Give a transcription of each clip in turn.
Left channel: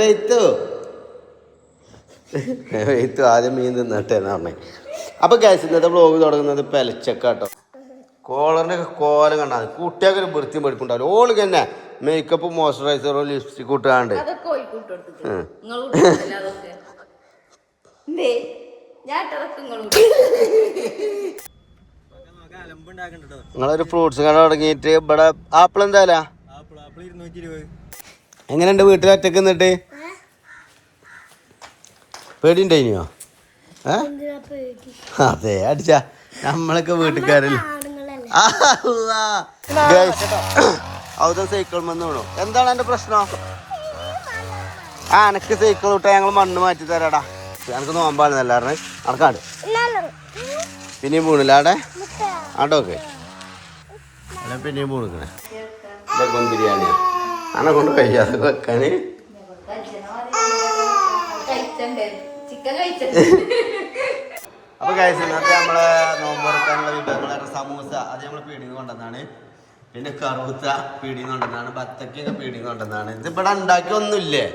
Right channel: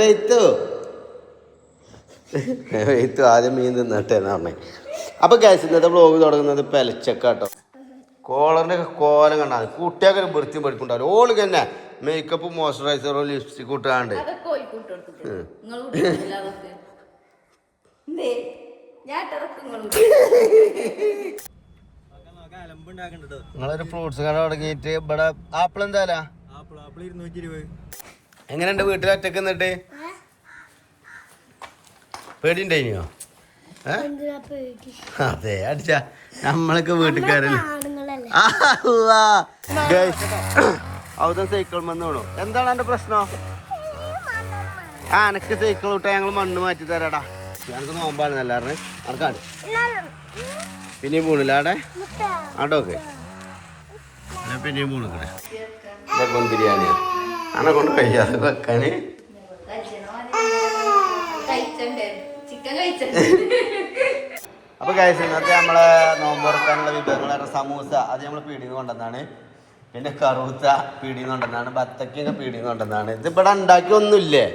വെയ്ത്തു ആദ്യം മീൻ തിന്നിട്ടെ എന്നാ പറഞ്ഞേ. അപ്പോൾ ഗൈസ് ഇന്നത്തെ വ്ളോഗ് തുടങ്ങുന്നത് പെലച്ചക്കാട്ടോ. കോളറിൻ്റെ കോലം കണ്ടാൽ കുട്ടിയൊക്കെ ഒരു വൃത്തിയും വെറുക്കുണ്ടാവില്ല. ഓള് തന്നെ മേക്കപ്പ് മോയ്സ്ചറൈസറോ ലിപ്സ്റ്റിക് കൂട്ടാണ്ട് നിങ്ങളൊരു ഫ്രൂട്ട്സ് കട തുടങ്ങിയിട്ട് ഇവിടെ ആപ്പിൾ എന്തായാലും എങ്ങനെയുണ്ട് വീട്ടിൽ ഒറ്റക്ക് നിന്നിട്ട്? പേടിയുണ്ടായിനോ? അതെ അടിച്ച നമ്മളൊക്കെ വീട്ടുകാരല്ലേ. അവിടെ സൈക്കിൾ വന്ന് വീണു. എന്താണ് എന്റെ പ്രശ്നം? എനക്ക് സൈക്കിൾ വിട്ടാ ഞങ്ങൾ മണ്ണ് മാറ്റി തരാടാ. എനക്ക് നോമ്പാണ് എല്ലാവരും അനക്കാണ്ട് പിന്നെയും വീണില്ല ആടെ ആട്ടോക്കെ പിന്നെയും വീണിക്കണേ. ഇതൊക്കെ ബിരിയാണിയാ അനെ കൊണ്ട് കഴിക്കാതെ വെക്കാന്. അപ്പൊ ഗൈസ് ഇന്നത്തെ നമ്മളെ നോമ്പ് തുറക്കാനുള്ള വിഭവങ്ങൾ സമൂസ അത് നമ്മൾ പീടിന്ന് കൊണ്ടുവന്നാണ്. പിന്നെ കറുത്ത പീടിന്ന് കൊണ്ടുവന്നാണ്. ബത്തക്കൊക്കെ പീടിന്ന് കൊണ്ടുവന്നാണ്. ഇത് ഇവിടെ ഉണ്ടാക്കി ഒന്നുമില്ലേ?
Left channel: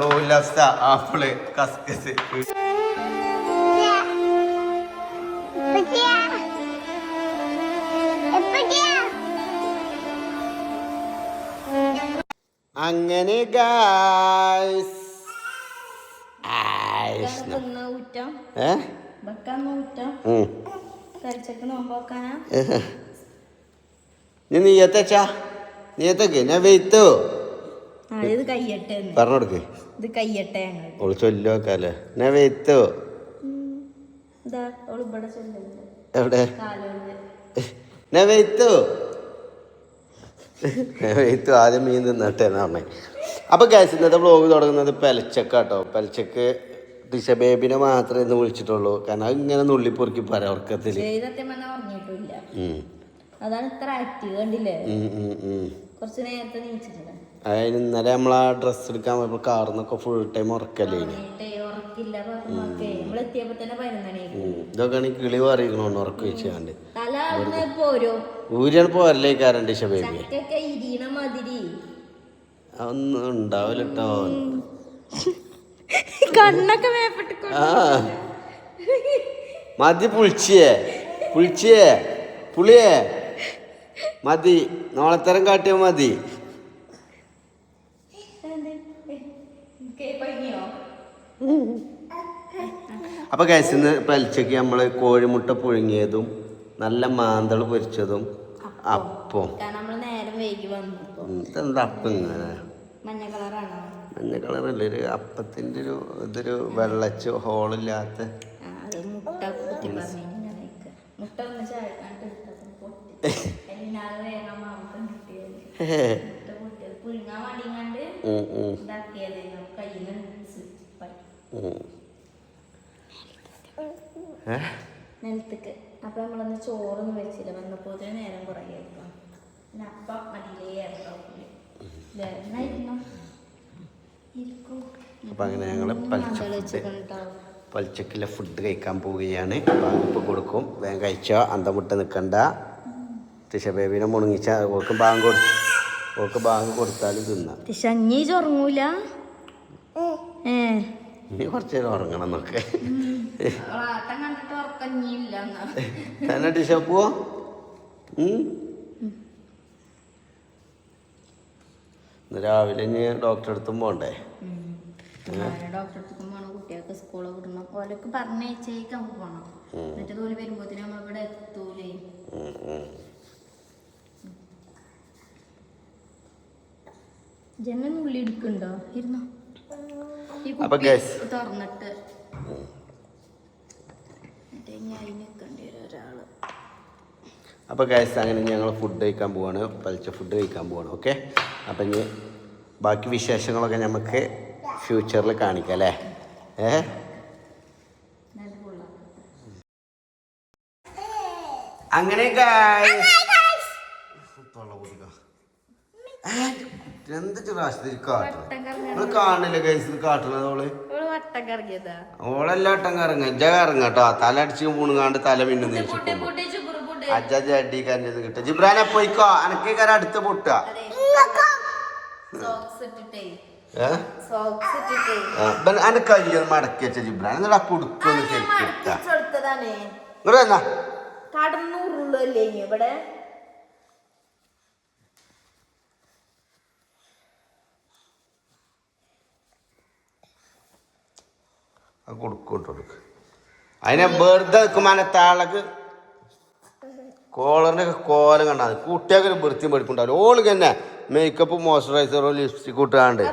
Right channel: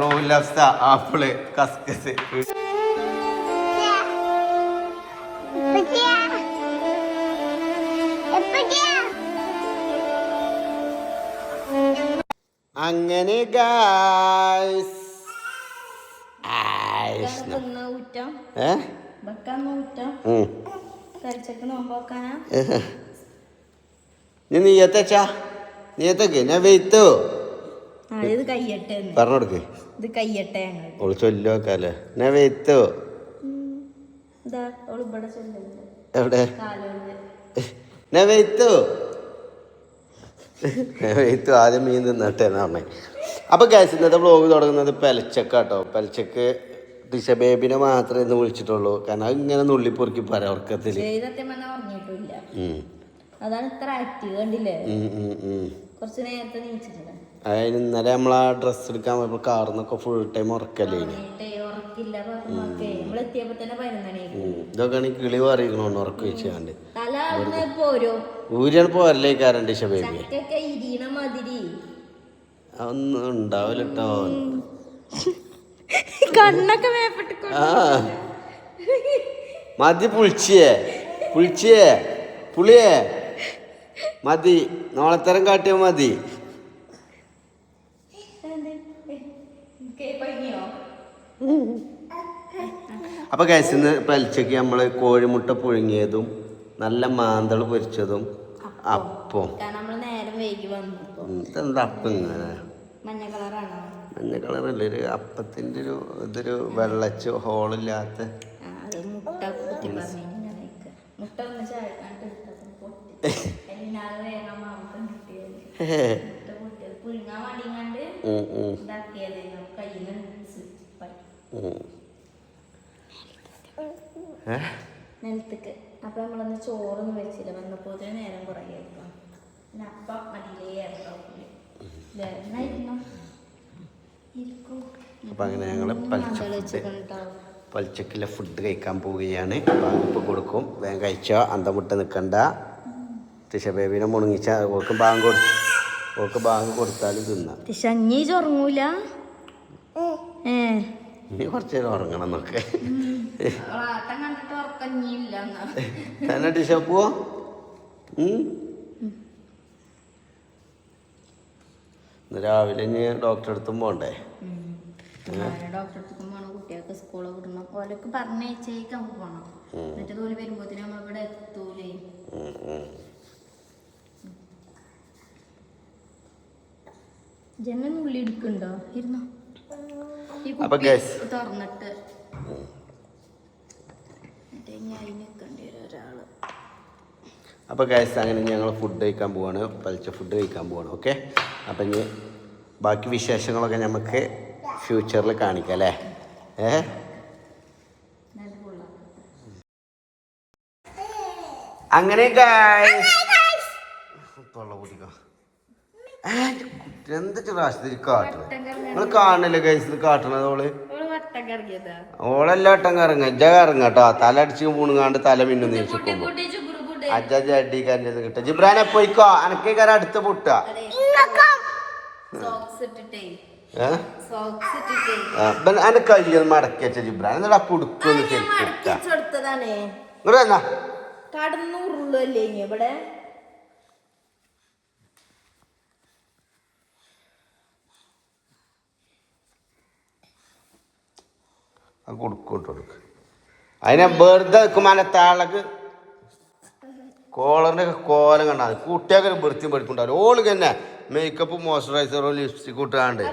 റോൽ ലഫ്സ, ആപ്പിള്, കസ്കസ്. അങ്ങനെ ഗൈസ് നീയത്തച്ചാ നീയത്തൊക്കെ ഞാൻ വെയ്ത്തോ പറഞ്ഞോടുക്ക് ഓള് ചൊല്ലോക്കാല്ലേ. ഞാൻ വെയ്ത്തോ എവിടെ ഞാൻ വെയ്ത്തോ വെയ്ത്തു ആദ്യം മീൻ തിന്നിട്ടെ എന്നാ പറഞ്ഞേ. അപ്പോൾ ഗൈസ് ഇന്നത്തെ വ്ളോഗ് തുടങ്ങുന്നത് പെലച്ചക്കാട്ടോ. പെലച്ചക്ക് ടിഷ ബേബിനെ മാത്രമേ ഇന്ന് വിളിച്ചിട്ടുള്ളൂ. കാരണം അത് ഇങ്ങനെ നുള്ളിപ്പൊറുക്കി പറയാം ഉറക്കത്തില്. അതിന് ഇന്നലെ നമ്മളാ ഡ്രസ്സ് എടുക്കാൻ പോയപ്പോൾ കാറിന്നൊക്കെ ഫുൾ ടൈം ഉറക്കല്ലേ. ഇതൊക്കെയാണ് കിളി പറയണോണ്ട് ഉറക്കം വെച്ചാണ്ട് ഊരാണ് പോരല്ലേക്കാരൻ ടിഷ ബേബി. അതൊന്നും ഉണ്ടാവില്ല കേട്ടോ. മതി പുളിച്ചിയേ പുളിയേ മതി. നോളത്തരം കാട്ടിയാ മതി. അപ്പൊ ഗൈസ് ഇന്ന് പെലച്ചക്ക് നമ്മള് കോഴിമുട്ട പുഴുങ്ങിയതും നല്ല മാന്തൾ പൊരിച്ചതും അപ്പം. ഇതെന്താ അപ്പം ഇങ്ങനെ മഞ്ഞ കളറല്ലേ? ഒരു അപ്പത്തിന്റെ ഒരു ഇതൊരു വെള്ളച്ച് ഹോളില്ലാത്ത നിലത്തേക്ക്. അപ്പൊ നമ്മളൊന്ന് ചോറൊന്നും വെച്ചില്ല. വന്നപ്പോ നേരം കുറേ ആയിരിക്കും. പിന്നെ അപ്പം മതിയിലേ അപ്പം അങ്ങനെ ഞങ്ങൾ പൽച്ചക്കിലെ ഫുഡ് കഴിക്കാൻ പോവുകയാണ്. ബാങ്ക് കൊടുക്കും. വേഗം കഴിച്ചോ, അന്തമുട്ട നിൽക്കണ്ട. ടിഷ ബേബിനെ മുണങ്ങിച്ച ഓക്ക് ബാങ്ക് കൊടുത്താലും തിന്നാം. ഉറങ്ങൂല ഇനി കുറച്ച് നേരം ഉറങ്ങണം എന്നൊക്കെ തന്നെ. ടിഷ പോവോ? രാവിലെ ഇനി ഡോക്ടറെ അടുത്തും പോണ്ടേ? കുട്ടികൾക്ക് സ്കൂളിൽ വിടണം. ഓലൊക്കെ പറഞ്ഞേച്ചേക്ക് നമുക്ക് പോകണം. എന്നിട്ട് തോന്നി വരുമ്പോഴത്തേന് നമ്മളിവിടെ എത്തൂലേ. ജനൽ ഉള്ളി എടുക്കണ്ടോ? ഇരുന്നോ തുറന്നിട്ട് ഒരാള്. അപ്പോൾ ഗൈസ് അങ്ങനെ ഞങ്ങൾ ഫുഡ് കഴിക്കാൻ പോവാണ്. പലിച്ച ഫുഡ് കഴിക്കാൻ പോവാണ്. ഓക്കെ. അപ്പം ഇനി ബാക്കി വിശേഷങ്ങളൊക്കെ നമുക്ക് ഫ്യൂച്ചറിൽ കാണിക്കാം അല്ലേ? അങ്ങനെ എന്തൊക്കെ പ്രാവശ്യത്തിൽ കാട്ടണം നിങ്ങൾ കാണില്ല ഗൈസ് കാട്ടണത്. ഓളെല്ലാം വട്ടം കറങ്ങ ഇജ കറങ്ങട്ടോ. തല അടിച്ച് പൂണുങ്ങാണ്ട് തല മിന്നു നീച്ചിക്കുമ്പോ അജി അടി കരഞ്ഞത് കിട്ടുക. ജിബ്രാനെ പോയിക്കോ, അനക്കേക്കാര അടുത്ത് പൊട്ടുക. അന്റെ കയ്യൊന്ന് മടക്കി വെച്ച ജിബ്രാൻ എന്നിട്ട് ആ കുടുക്കൊന്ന് ശരിക്കും ഇങ്ങോട്ട് എന്നാ കടന്നൂറുള്ളല്ലേ ഇവിടെ ആ കൊടുക്കോട്ട് കൊടുക്ക് അതിനെ വെറുതെ വെക്കുമ്പോ അതിന്റെ താളക്ക് കോളറിന്റെ കോലം കണ്ടാൽ കുട്ടിയൊക്കെ ഒരു വൃത്തിയും പഠിപ്പുണ്ടാവും ഓൾക്ക് തന്നെ മേക്കപ്പ് മോയ്സ്ചറൈസറോ ലിപ്സ്റ്റിക് കൂട്ടാണ്ട്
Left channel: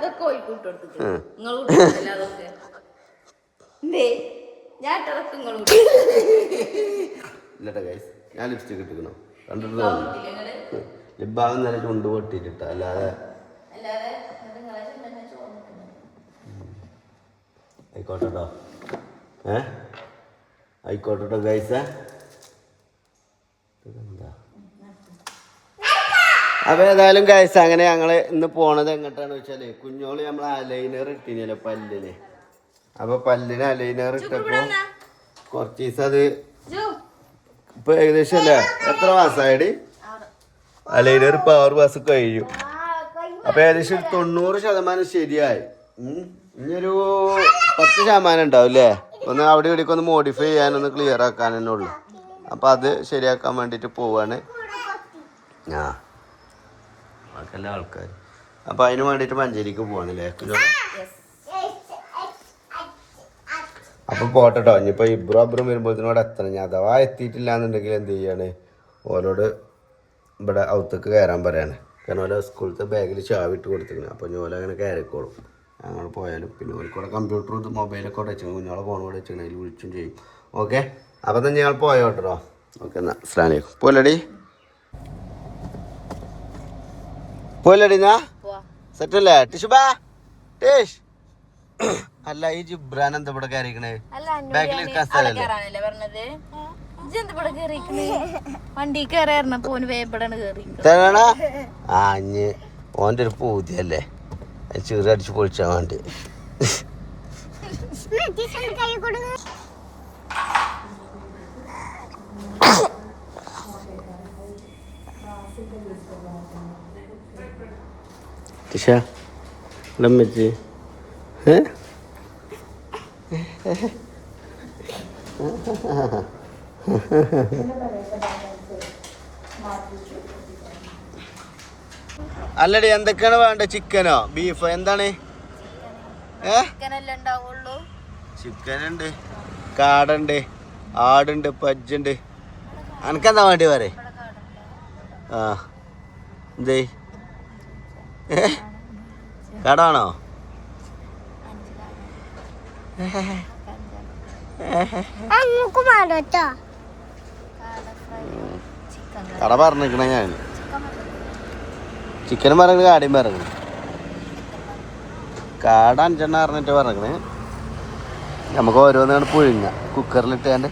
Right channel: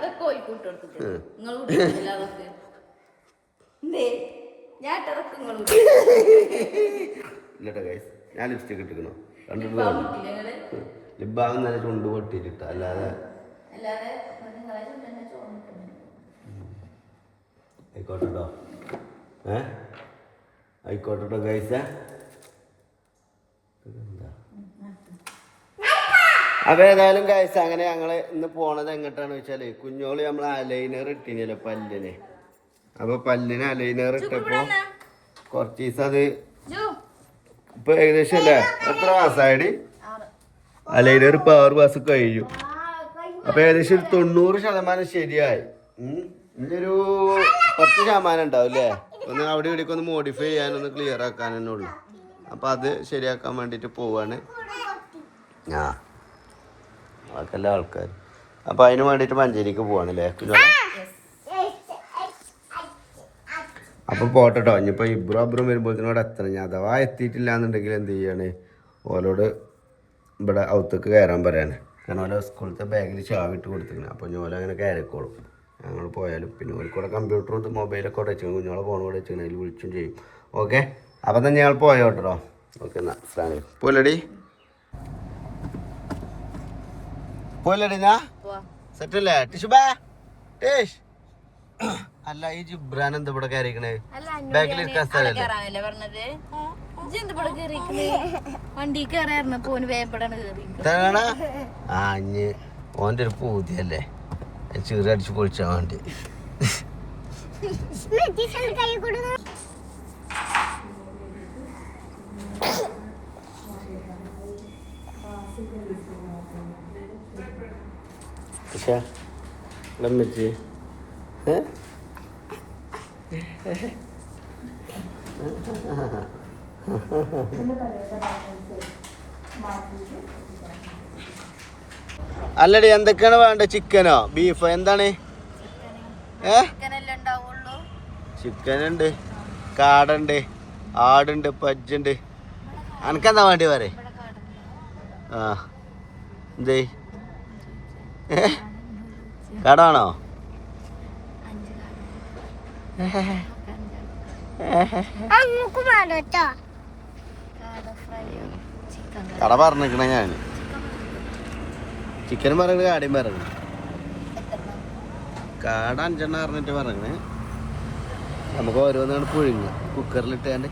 ഇല്ലട്ടെ ഗൈസ് ഞാൻ ലിപ്സ്റ്റിക് ഇട്ടിക്കണോ കണ്ടിട്ട് ലിബാഗം നല്ല ചുണ്ട് പൊട്ടിയിട്ടിട്ട അല്ലാതെ ആയിക്കോട്ടോ ആയിക്കോട്ടോ ഗൈസ്. അപ്പൊ ഏതായാലും ഗൈസ് അങ്ങനെ ഞങ്ങള് ഇന്ന് പോണത് എങ്ങോട്ടാന്ന് വെച്ചാല് കുഞ്ഞോള് നമ്മൾ അലൈനർ ഇട്ടിനല്ലോ പല്ലിന്. അപ്പൊ പല്ലിന് അലൈനർ ഇട്ടപ്പോ കുറച്ച് ദിവസം അത് ഇപ്പൊ ഏകദേശം അല്ലേ എത്ര മാസമായിടി അലൈനർ ഇപ്പൊ 6 മാസം കഴിഞ്ഞു. അപ്പൊ ഏകദേശം ഒരു 90% ശരിയായി. ഇനിയൊരു 10% ഉണ്ടാവും അല്ലേ. ഒന്ന് അവിടെ ഇവിടേക്ക് ഒന്ന് മോഡിഫൈ ചെയ്യാനൊന്ന് ക്ലിയർ ആക്കാൻ തന്നെ ഉള്ളു. അപ്പൊ അത് ശരിയാക്കാൻ വേണ്ടിട്ട് പോവാണ് ബാക്കിയുള്ള ആൾക്കാർ. അപ്പൊ അതിന് വേണ്ടിട്ട് മഞ്ചേരിക്ക് പോവാണല്ലേ കുഞ്ഞോളെ. അപ്പൊ പോട്ടോ ഇനിയിപ്പോ ഇബ്രും വരുമ്പോഴത്തേനോട് എത്തണം. ഞാൻ അഥവാ എത്തിയിട്ടില്ല എന്നുണ്ടെങ്കിൽ എന്ത് ചെയ്യാണ് ഓരോട് ഇവിടെ ഔത്തേക്ക് കയറാൻ പറയാണ്. കാരണം അവിടെ സ്കൂളത്തെ ബാഗിൽ ചാവിട്ട് കൊടുത്തിരിക്കണം. അപ്പോൾ ഞോല അങ്ങനെ കയറിക്കോളും ഞങ്ങൾ പോയാലും. പിന്നെ ഓർക്കൂടെ കമ്പ്യൂട്ടറും മൊബൈലൊക്കെ അവിടെ വെച്ചിരിക്കണം. കുഞ്ഞോളെ ഫോൺ കൂടെ വെച്ചിരിക്കണം. അതിൽ വിളിച്ചും ചെയ്യും. ഓക്കെ അപ്പം തന്നെ ഞങ്ങൾ പോയോട്ടോ. ഓക്കെ എന്നാൽ അസ്സലാമു അലൈക്കും. പോലടി പോലടിന്നാ സെറ്റല്ലേ ടിഷുബാ ടേഷ്. അല്ല ഈ ജിബ്രാൻ എന്താ ഇവിടെ കയറിക്കണേ ബാഗിൽ ഇരിക്കാൻ സ്ഥലല്ലേ വണ്ടി ഓൻ്റെ ഒരു പൂതിയല്ലേ ചീറടിച്ച് പൊളിച്ചാൻ വേണ്ടി. ലമ്മച്ച് അല്ലടി എന്തൊക്കെയാണ് വേണ്ട? ചിക്കനോ ബീഫോ എന്താണ്? ചിക്കനുണ്ട്, കാടുണ്ട്, ആടുണ്ട്, പജ്ജുണ്ട്. അനക്കെന്താ വേണ്ടി പറ. ആ എന്തേ കടാണോ? കട പറഞ്ഞിരിക്കണ ഞാൻ ചിക്കനും പറഞ്ഞിട്ട് കാടയും പറഞ്ഞിരിക്കണേ. കാട 5 പറഞ്ഞിട്ട് പറഞ്ഞിരിക്കണേ. നമുക്ക് ഓരോന്നാണ് പുഴുങ്ങ കുക്കറിലിട്ടാണ്ട്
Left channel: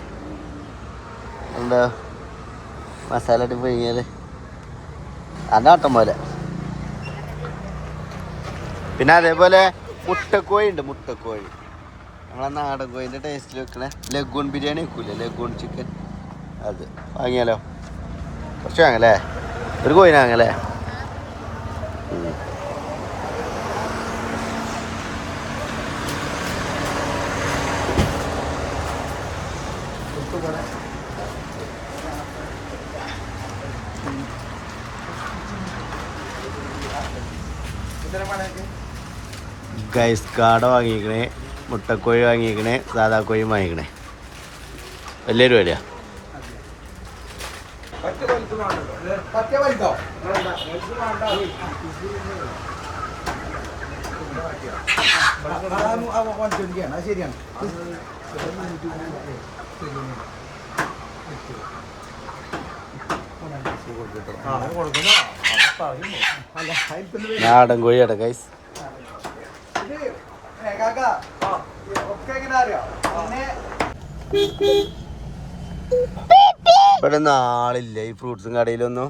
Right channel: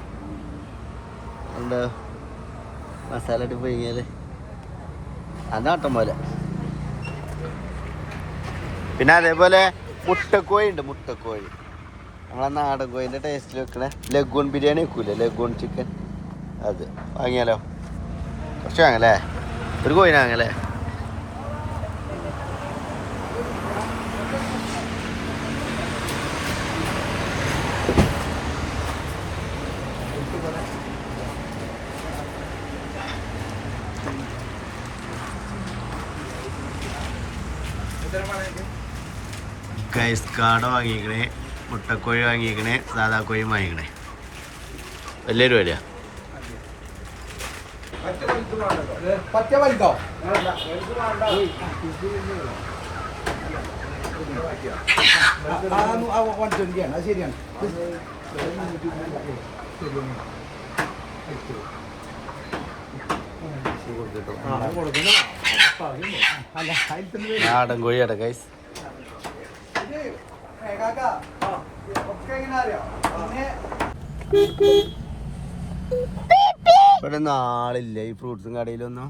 എന്താ മസാല ഇട്ട് പുഴുങ്ങിയാൽ അതിൻ്റെ ആട്ടം പോലെ. പിന്നെ അതേപോലെ മുട്ടക്കോഴി ഉണ്ട്. മുട്ടക്കോഴി നമ്മളെ നാടൻ കോഴിൻ്റെ ടേസ്റ്റിൽ വെക്കണേ ലഗൂൺ ബിരിയാണി വെക്കൂലേ, ലഗൂൺ ചിക്കൻ. അത് വാങ്ങിയാലോ? കുറച്ച് വാങ്ങല്ലേ? ഒരു കോഴിനെ വാങ്ങല്ലേ? ഗൈസ് കാട വാങ്ങിക്കണേ, മുട്ടക്കോഴി വാങ്ങിക്കണേ, സാധാ കോഴി വാങ്ങിക്കണേ. വലിയൊരു വിലയാ. നാടൻ കോഴിയാട്ടെ ഗൈസ്. ഇവിടെ നാളില്ല ഈ ഫ്രൂട്ട്സും കടയിലൊന്നും.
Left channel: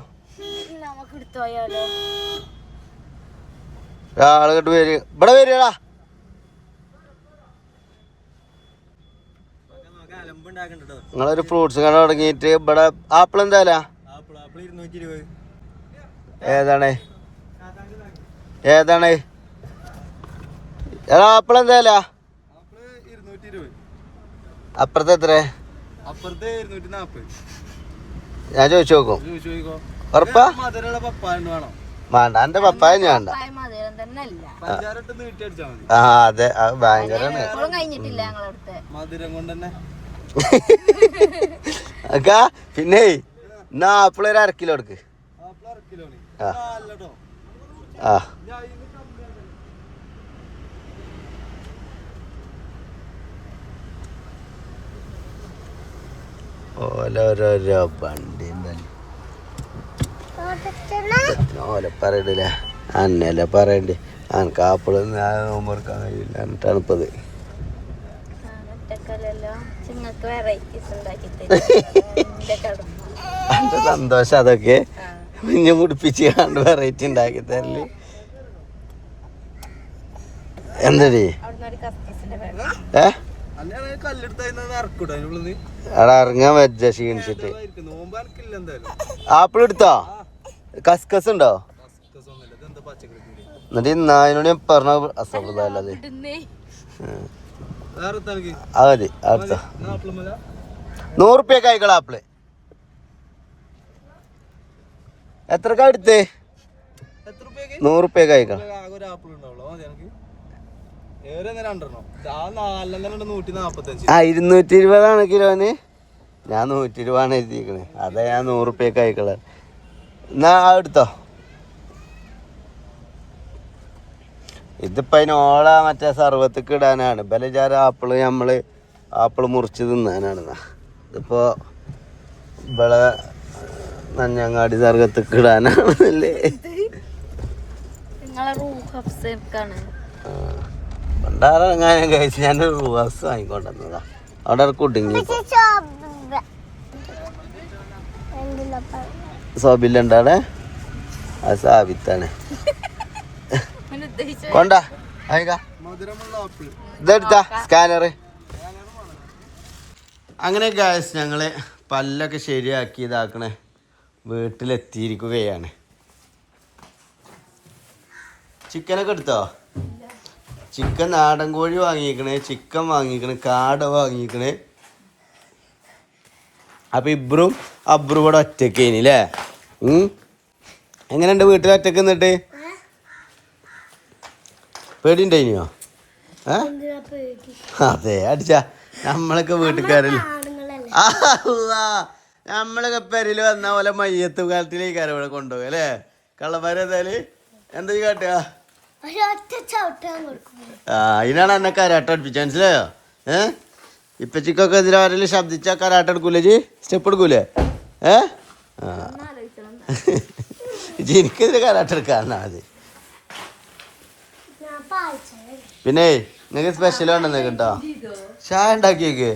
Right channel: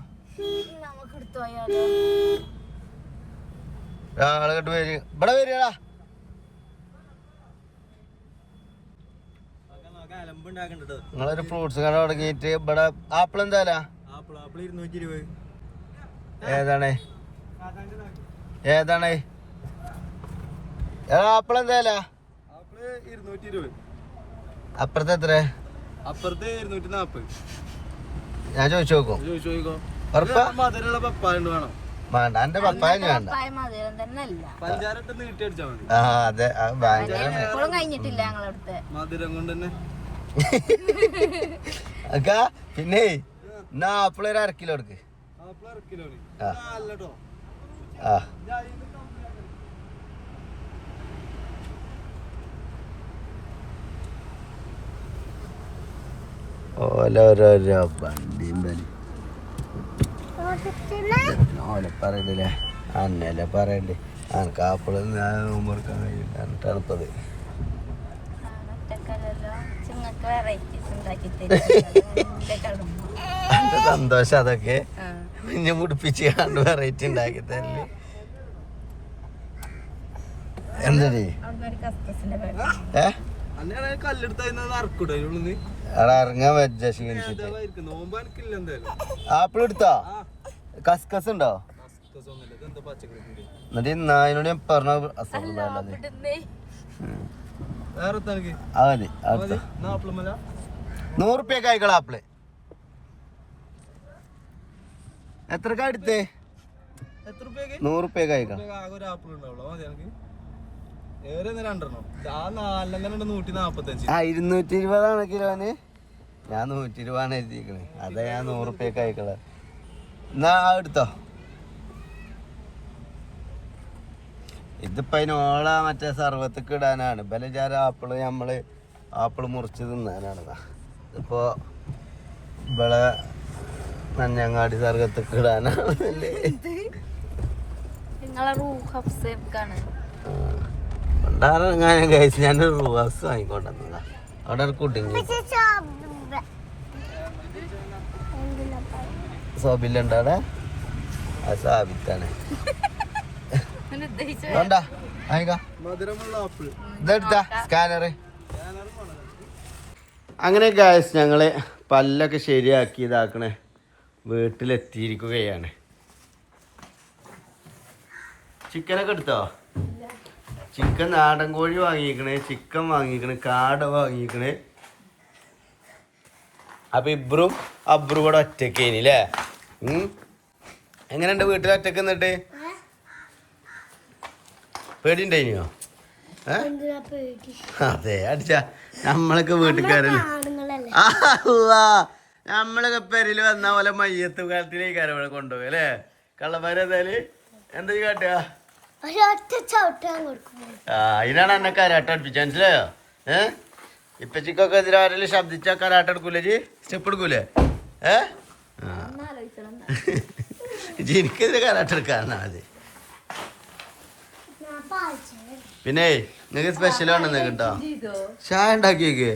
ആള് കേട്ട് വരും ഇവിടെ വരികടാ. നിങ്ങളൊരു ഫ്രൂട്ട്സ് കട തുടങ്ങിയിട്ട് ഇവിടെ ആപ്പിൾ എന്തായാല ഏതാണ് ഏതാണ് എടാ ആപ്പിൾ എന്തായാല ആപ്പിള് 220. അപ്പുറത്തെ എത്ര? അപ്പുറത്ത് 240. ഞാൻ ചോദിച്ചു നോക്കും. ചോദിക്കോ. ഉറപ്പാ? മധുരമുള്ള പപ്പായ വേണം. വേണ്ട എന്റെ പപ്പായ വേണ്ട. പഞ്ചാരട്ട് നീട്ടി അടിച്ചാ മതി. ആ അതെ ഭയങ്കര മധുരം കൊണ്ട് തന്നെ. അക്കാ പിന്നെ എന്നാ ആപ്പിൾ ഒരു 1/2 കിലോ എടുക്ക്. Apple 1/2 kilo. ആ ഓരോരോ വണ്ടി ഓലെ പറയണ്ടില്ല അന്നല്ലേ പറയണ്ട്. എനിക്ക് ആപ്പിള് നോമ്പെടുക്കാൻ കഴിയില്ല തണുപ്പത്. എന്റെ സന്തോഷം അതൊക്കെ കുഞ്ഞു മുടിപ്പിച്ച് കണ്ട് വെറൈറ്റി ഉണ്ടാക്കി തരല്. എന്തടി അവിടെ ഇറങ്ങാൻ വെച്ച ക്ഷീണിച്ചിട്ട്. ആപ്പിൾ എടുത്തോ? കസ്കസ് ഉണ്ടോ? എന്നിട്ട് നായനോട് ഞാൻ പറഞ്ഞ അസുഖത് അതെ അടുത്ത 100 റുപ്യക്ക് ആയിക്കള ആപ്പിള്. എത്രക്കാ എടുത്തേ? 100 റുപ്യക്ക് ആയിക്കള. 220 കിലോന്. ഞാൻ 120 എഴുതിക്കണേ. അതാ ഞാൻ 100 റുപ്യക്ക് ആയിക്കള. എന്നാ എടുത്തോ. ഇതിപ്പോ അതിനോള മറ്റേ സർവത്തേക്ക് ഇടാനാണ്. ബലജാര ആപ്പിള് നമ്മള് ആപ്പിള് മുറിച്ച് തിന്നാനാണ്. ഇതിപ്പോ ഇവിടെ നഞ്ഞങ്ങാടി സർവത്തേക്ക് ഇടാനാണല്ലേ. പണ്ടാറങ്ങാനും കഴിച്ച് ഞാനൊരു റൂസ് വാങ്ങിക്കൊണ്ടുവന്നതാ. അവിടെ കുടുങ്ങി സോബില്ലുണ്ട് അവിടെ. അത് സാബിത്താണ്. ഇതെടുത്താ സ്കാനറ്. അങ്ങനെ ഗായ്സ് ഞങ്ങള് പല്ലൊക്കെ ശരിയാക്കി ഇതാക്കണേ വീട്ടിലെത്തിയിരിക്കുകയാണ്. ചിക്കനൊക്കെ എടുത്തോ? ചിക്കൻ നാടൻ കോഴി വാങ്ങിക്കണേ, ചിക്കൻ വാങ്ങിക്കണേ, കാട വാങ്ങിക്കണേ. അപ്പൊ ഇബ്രും അബ്രും കൂടെ ഒറ്റക്കേനി അല്ലേ? എങ്ങനെയുണ്ട് വീട്ടിൽ ഒറ്റക്ക് നിന്നിട്ട്? പേടിണ്ടായിനോ? അതെ അടിച്ച നമ്മളൊക്കെ വീട്ടുകാരല്ലേ. നമ്മളൊക്കെ പെരയില് വന്ന പോലെ മയ്യത്ത് കാലത്തിലേക്ക് ഇവിടെ കൊണ്ടുപോയി അല്ലേ? കള്ളന്മാരേതായാല് എന്താ കാട്ടുക? അതിനാണ് എന്നെ കരാട്ട അടുപ്പിച്ച മനസ്സിലായോ? ഇപ്പച്ചിക്കൊക്കെ എതിരെ ആരെങ്കിലും ശബ്ദിച്ച കരാട്ട എടുക്കൂലേ? സ്റ്റെപ്പ് എടുക്കൂലേ? എനിക്കെതിരെ കരാട്ട എടുക്കാറുണ്ട് അത്. പിന്നെ നിങ്ങൾക്ക് സ്പെഷ്യൽ ഉണ്ടെന്നേ കേട്ടോ. ചായ ഉണ്ടാക്കിയേക്ക്.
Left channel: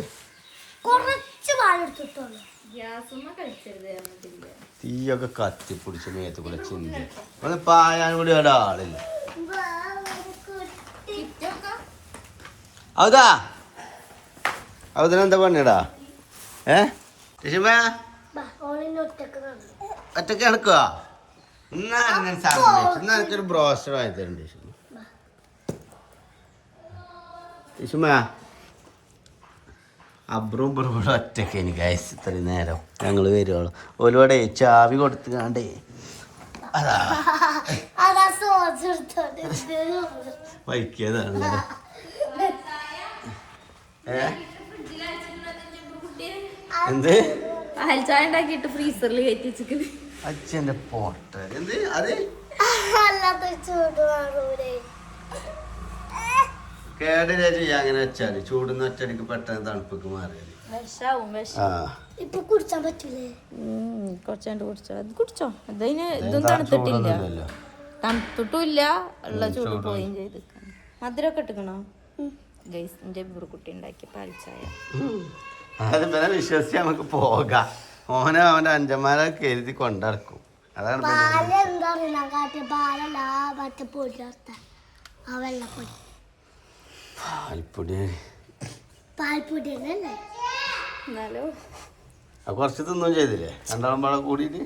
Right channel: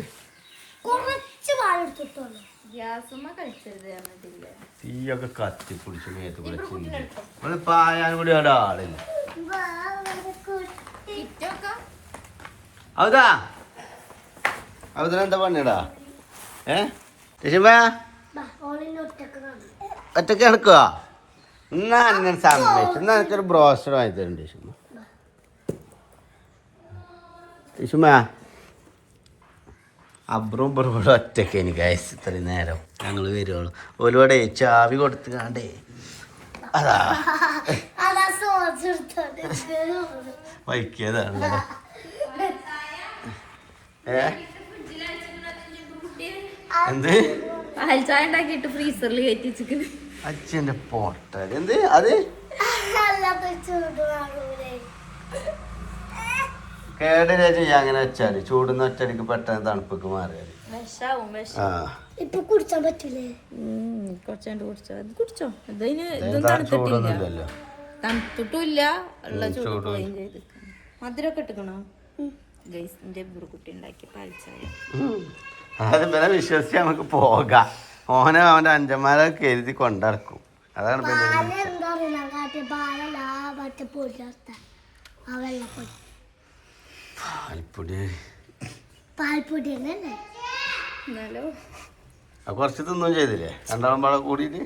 തീയൊക്കെ കത്തിപ്പിടിച്ച് മേത്ത് കൂടെ ചിന്തി. നമ്മള് പായാനും കൂടി ഒരാളില്ല. അവതാ അവതെന്താ പണിടാ? ഒറ്റക്ക് നടക്കുക. എന്നാ അങ്ങനെ സമ്മതിച്ചു. എന്നാ എനിക്കൊരു ബ്രോസ്റ്റർ വാങ്ങി തരുന്നുണ്ട് ിഷുമ. അബ്രും ഇവിടെ ഒറ്റക്ക് എനിക്ക് അയച്ച് ഇത്രയും നേരം ഞങ്ങൾ വരുവാണ്. ഒരുപാട് ചാവി കൊടുത്ത് കാണ്ടേ അതാ വൈക്കിയതാണ്. എന്ത് അച്ഛന്റെ പോട്ട എന്ത് അത് കേടില്ല ചെയ്യാ. അങ്ങനെ വെച്ചാല് ചൂടുന്ന ഒറ്റടിക്ക് പെട്ടെന്ന് തണുപ്പൊക്കെ മാറിയാല് കുടിച്ചാൻ പറ്റില്ലേ? കുടിച്ചോ. തണുത്തിട്ടില്ല. ഉള്ള ചൂട് പോയും ചെയ്ത് മധുരമൊക്കെ ഇട്ടിക്കണോ? കുട്ടി ഉണ്ടാക്കി പാൽച്ചായ. അത് പിന്നെ വിശ്വസിച്ച് നമുക്ക് പോകാം. ഓനെ അവന്റെ അഞ്ചന്മാരെ കരുതി കൊണ്ടിറക്കും. അതാണ് കുറച്ച് തിന്നും ചെയ്തില്ലേ? രണ്ടാളും പാടെ കൂടിയിട്ട്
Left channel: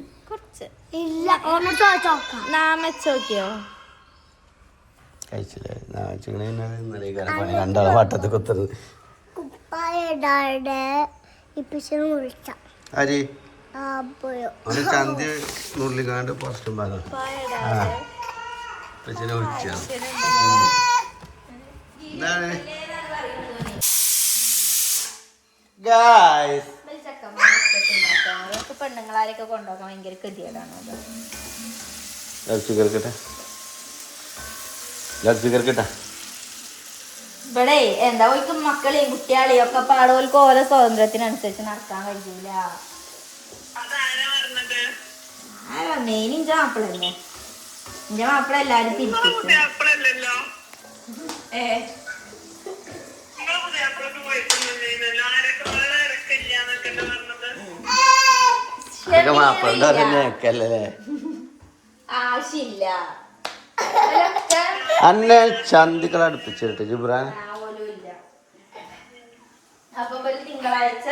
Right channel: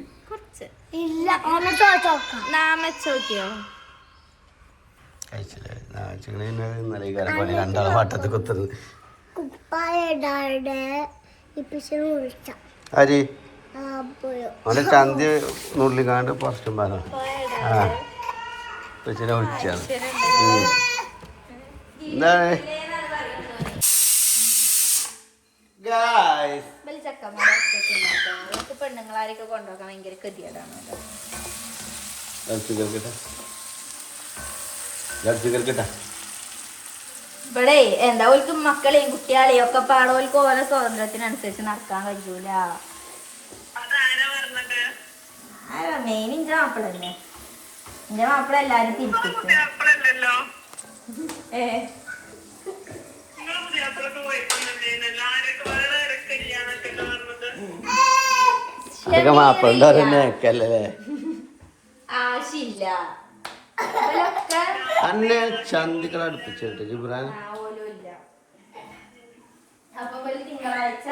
കഴിച്ചില്ലേ ഇന്നലെ പണി രണ്ടാളെ വട്ടത്ത് കുത്തുന്നത് അരി അവൻ്റെ ചന്തി നുള്ളിക്കാണ്ട് പുറത്തും പാലം ആ ഇപ്പച്ചിനെ വിളിച്ചാണ് എന്താണ് ഗായ്സ് പെണ്ണുങ്ങളാരെയൊക്കെ കൊണ്ടുപോകാൻ ഭയങ്കര ഗതികേടാണ് ഇവിടെ എന്താ ഓൽക്ക് മക്കളെയും കുട്ടികളെയും ഒക്കെ പാടോൽക്ക് ഓരോ സ്വാതന്ത്ര്യത്തിനനുസരിച്ച് നടക്കാൻ കഴിയൂല ആരാ ഇന്റെ മാപ്പിള തന്നെ എന്റെ മാപ്പിള എല്ലാരും തിരിച്ചു ആശയില്ല അന്നെ ചന്തികൾ അടുപ്പിച്ചിട്ട് ജിബ്രാൻ അപ്പൊ തിങ്കളാഴ്ച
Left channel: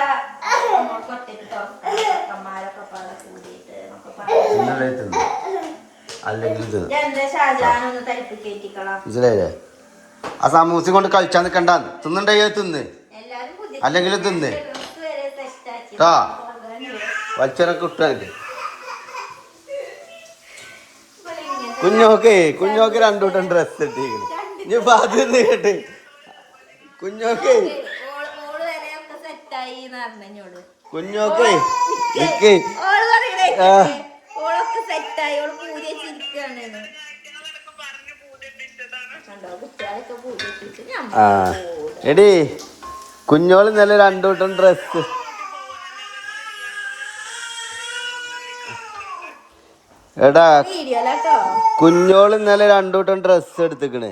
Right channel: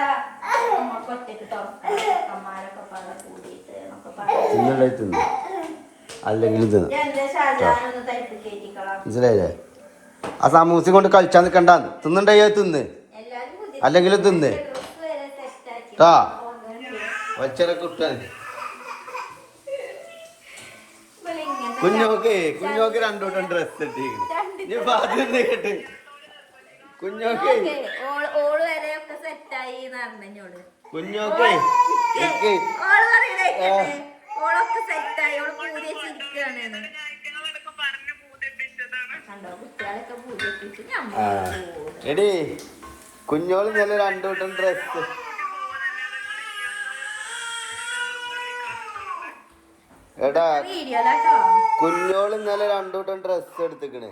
തിന്നു അല്ലെങ്കിൽ മനസ്സിലായില്ലേ ആ സമൂസ കൊണ്ട് കളിച്ചാൽ നിൽക്കണ്ട തിന്നുണ്ടേ തിന്ന് അല്ലെങ്കിൽ തിന്ന് ട്ടാ വച്ചരൊക്കെ ഇട്ടല്ലേ കുഞ്ഞോക്ക് രണ്ടൂട്ടം ഡ്രസ് ഇട്ടിരിക്കുന്നു ഇനി പാത്തിരുന്ന് കേട്ട് കുഞ്ഞോക്ക് കുഞ്ഞോക്ക് ആ എടി കുഞ്ഞോള് ഇന്നലെ രണ്ടൂട്ടം ഡ്രസ് എടാ കുഞ്ഞോള് ഇന്നലെ രണ്ടൂട്ടം ഡ്രസ് എടുത്തിക്കണേ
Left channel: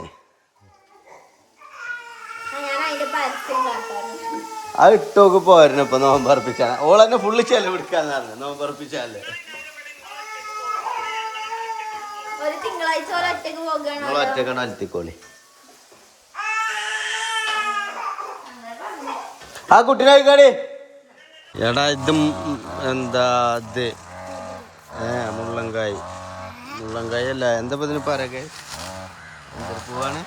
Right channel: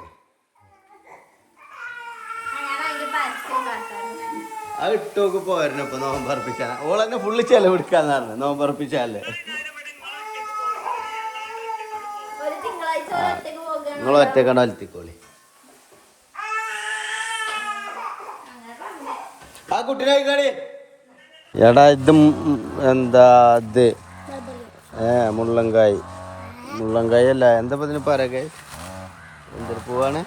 അത് ഇട്ടോക്ക് പോരുന്നു ഇപ്പൊ നോമ്പറപ്പിച്ചാണ് ഓളെന്നെ ഫുള്ള് ചെലവെടുക്കാന്നാണ് നോമ്പറപ്പിച്ചാല് നിങ്ങൾ ഒറ്റക്കണ്ട അലത്തിക്കോളി ആ കുട്ടീനെ കഴിക്കാടി എടാ ഇത് എന്താ ഇത് മുള്ളങ്കായ് അല്ല എന്താ ഇതിന് പറയൊക്കെ എന്തൊരു പൂവാണ്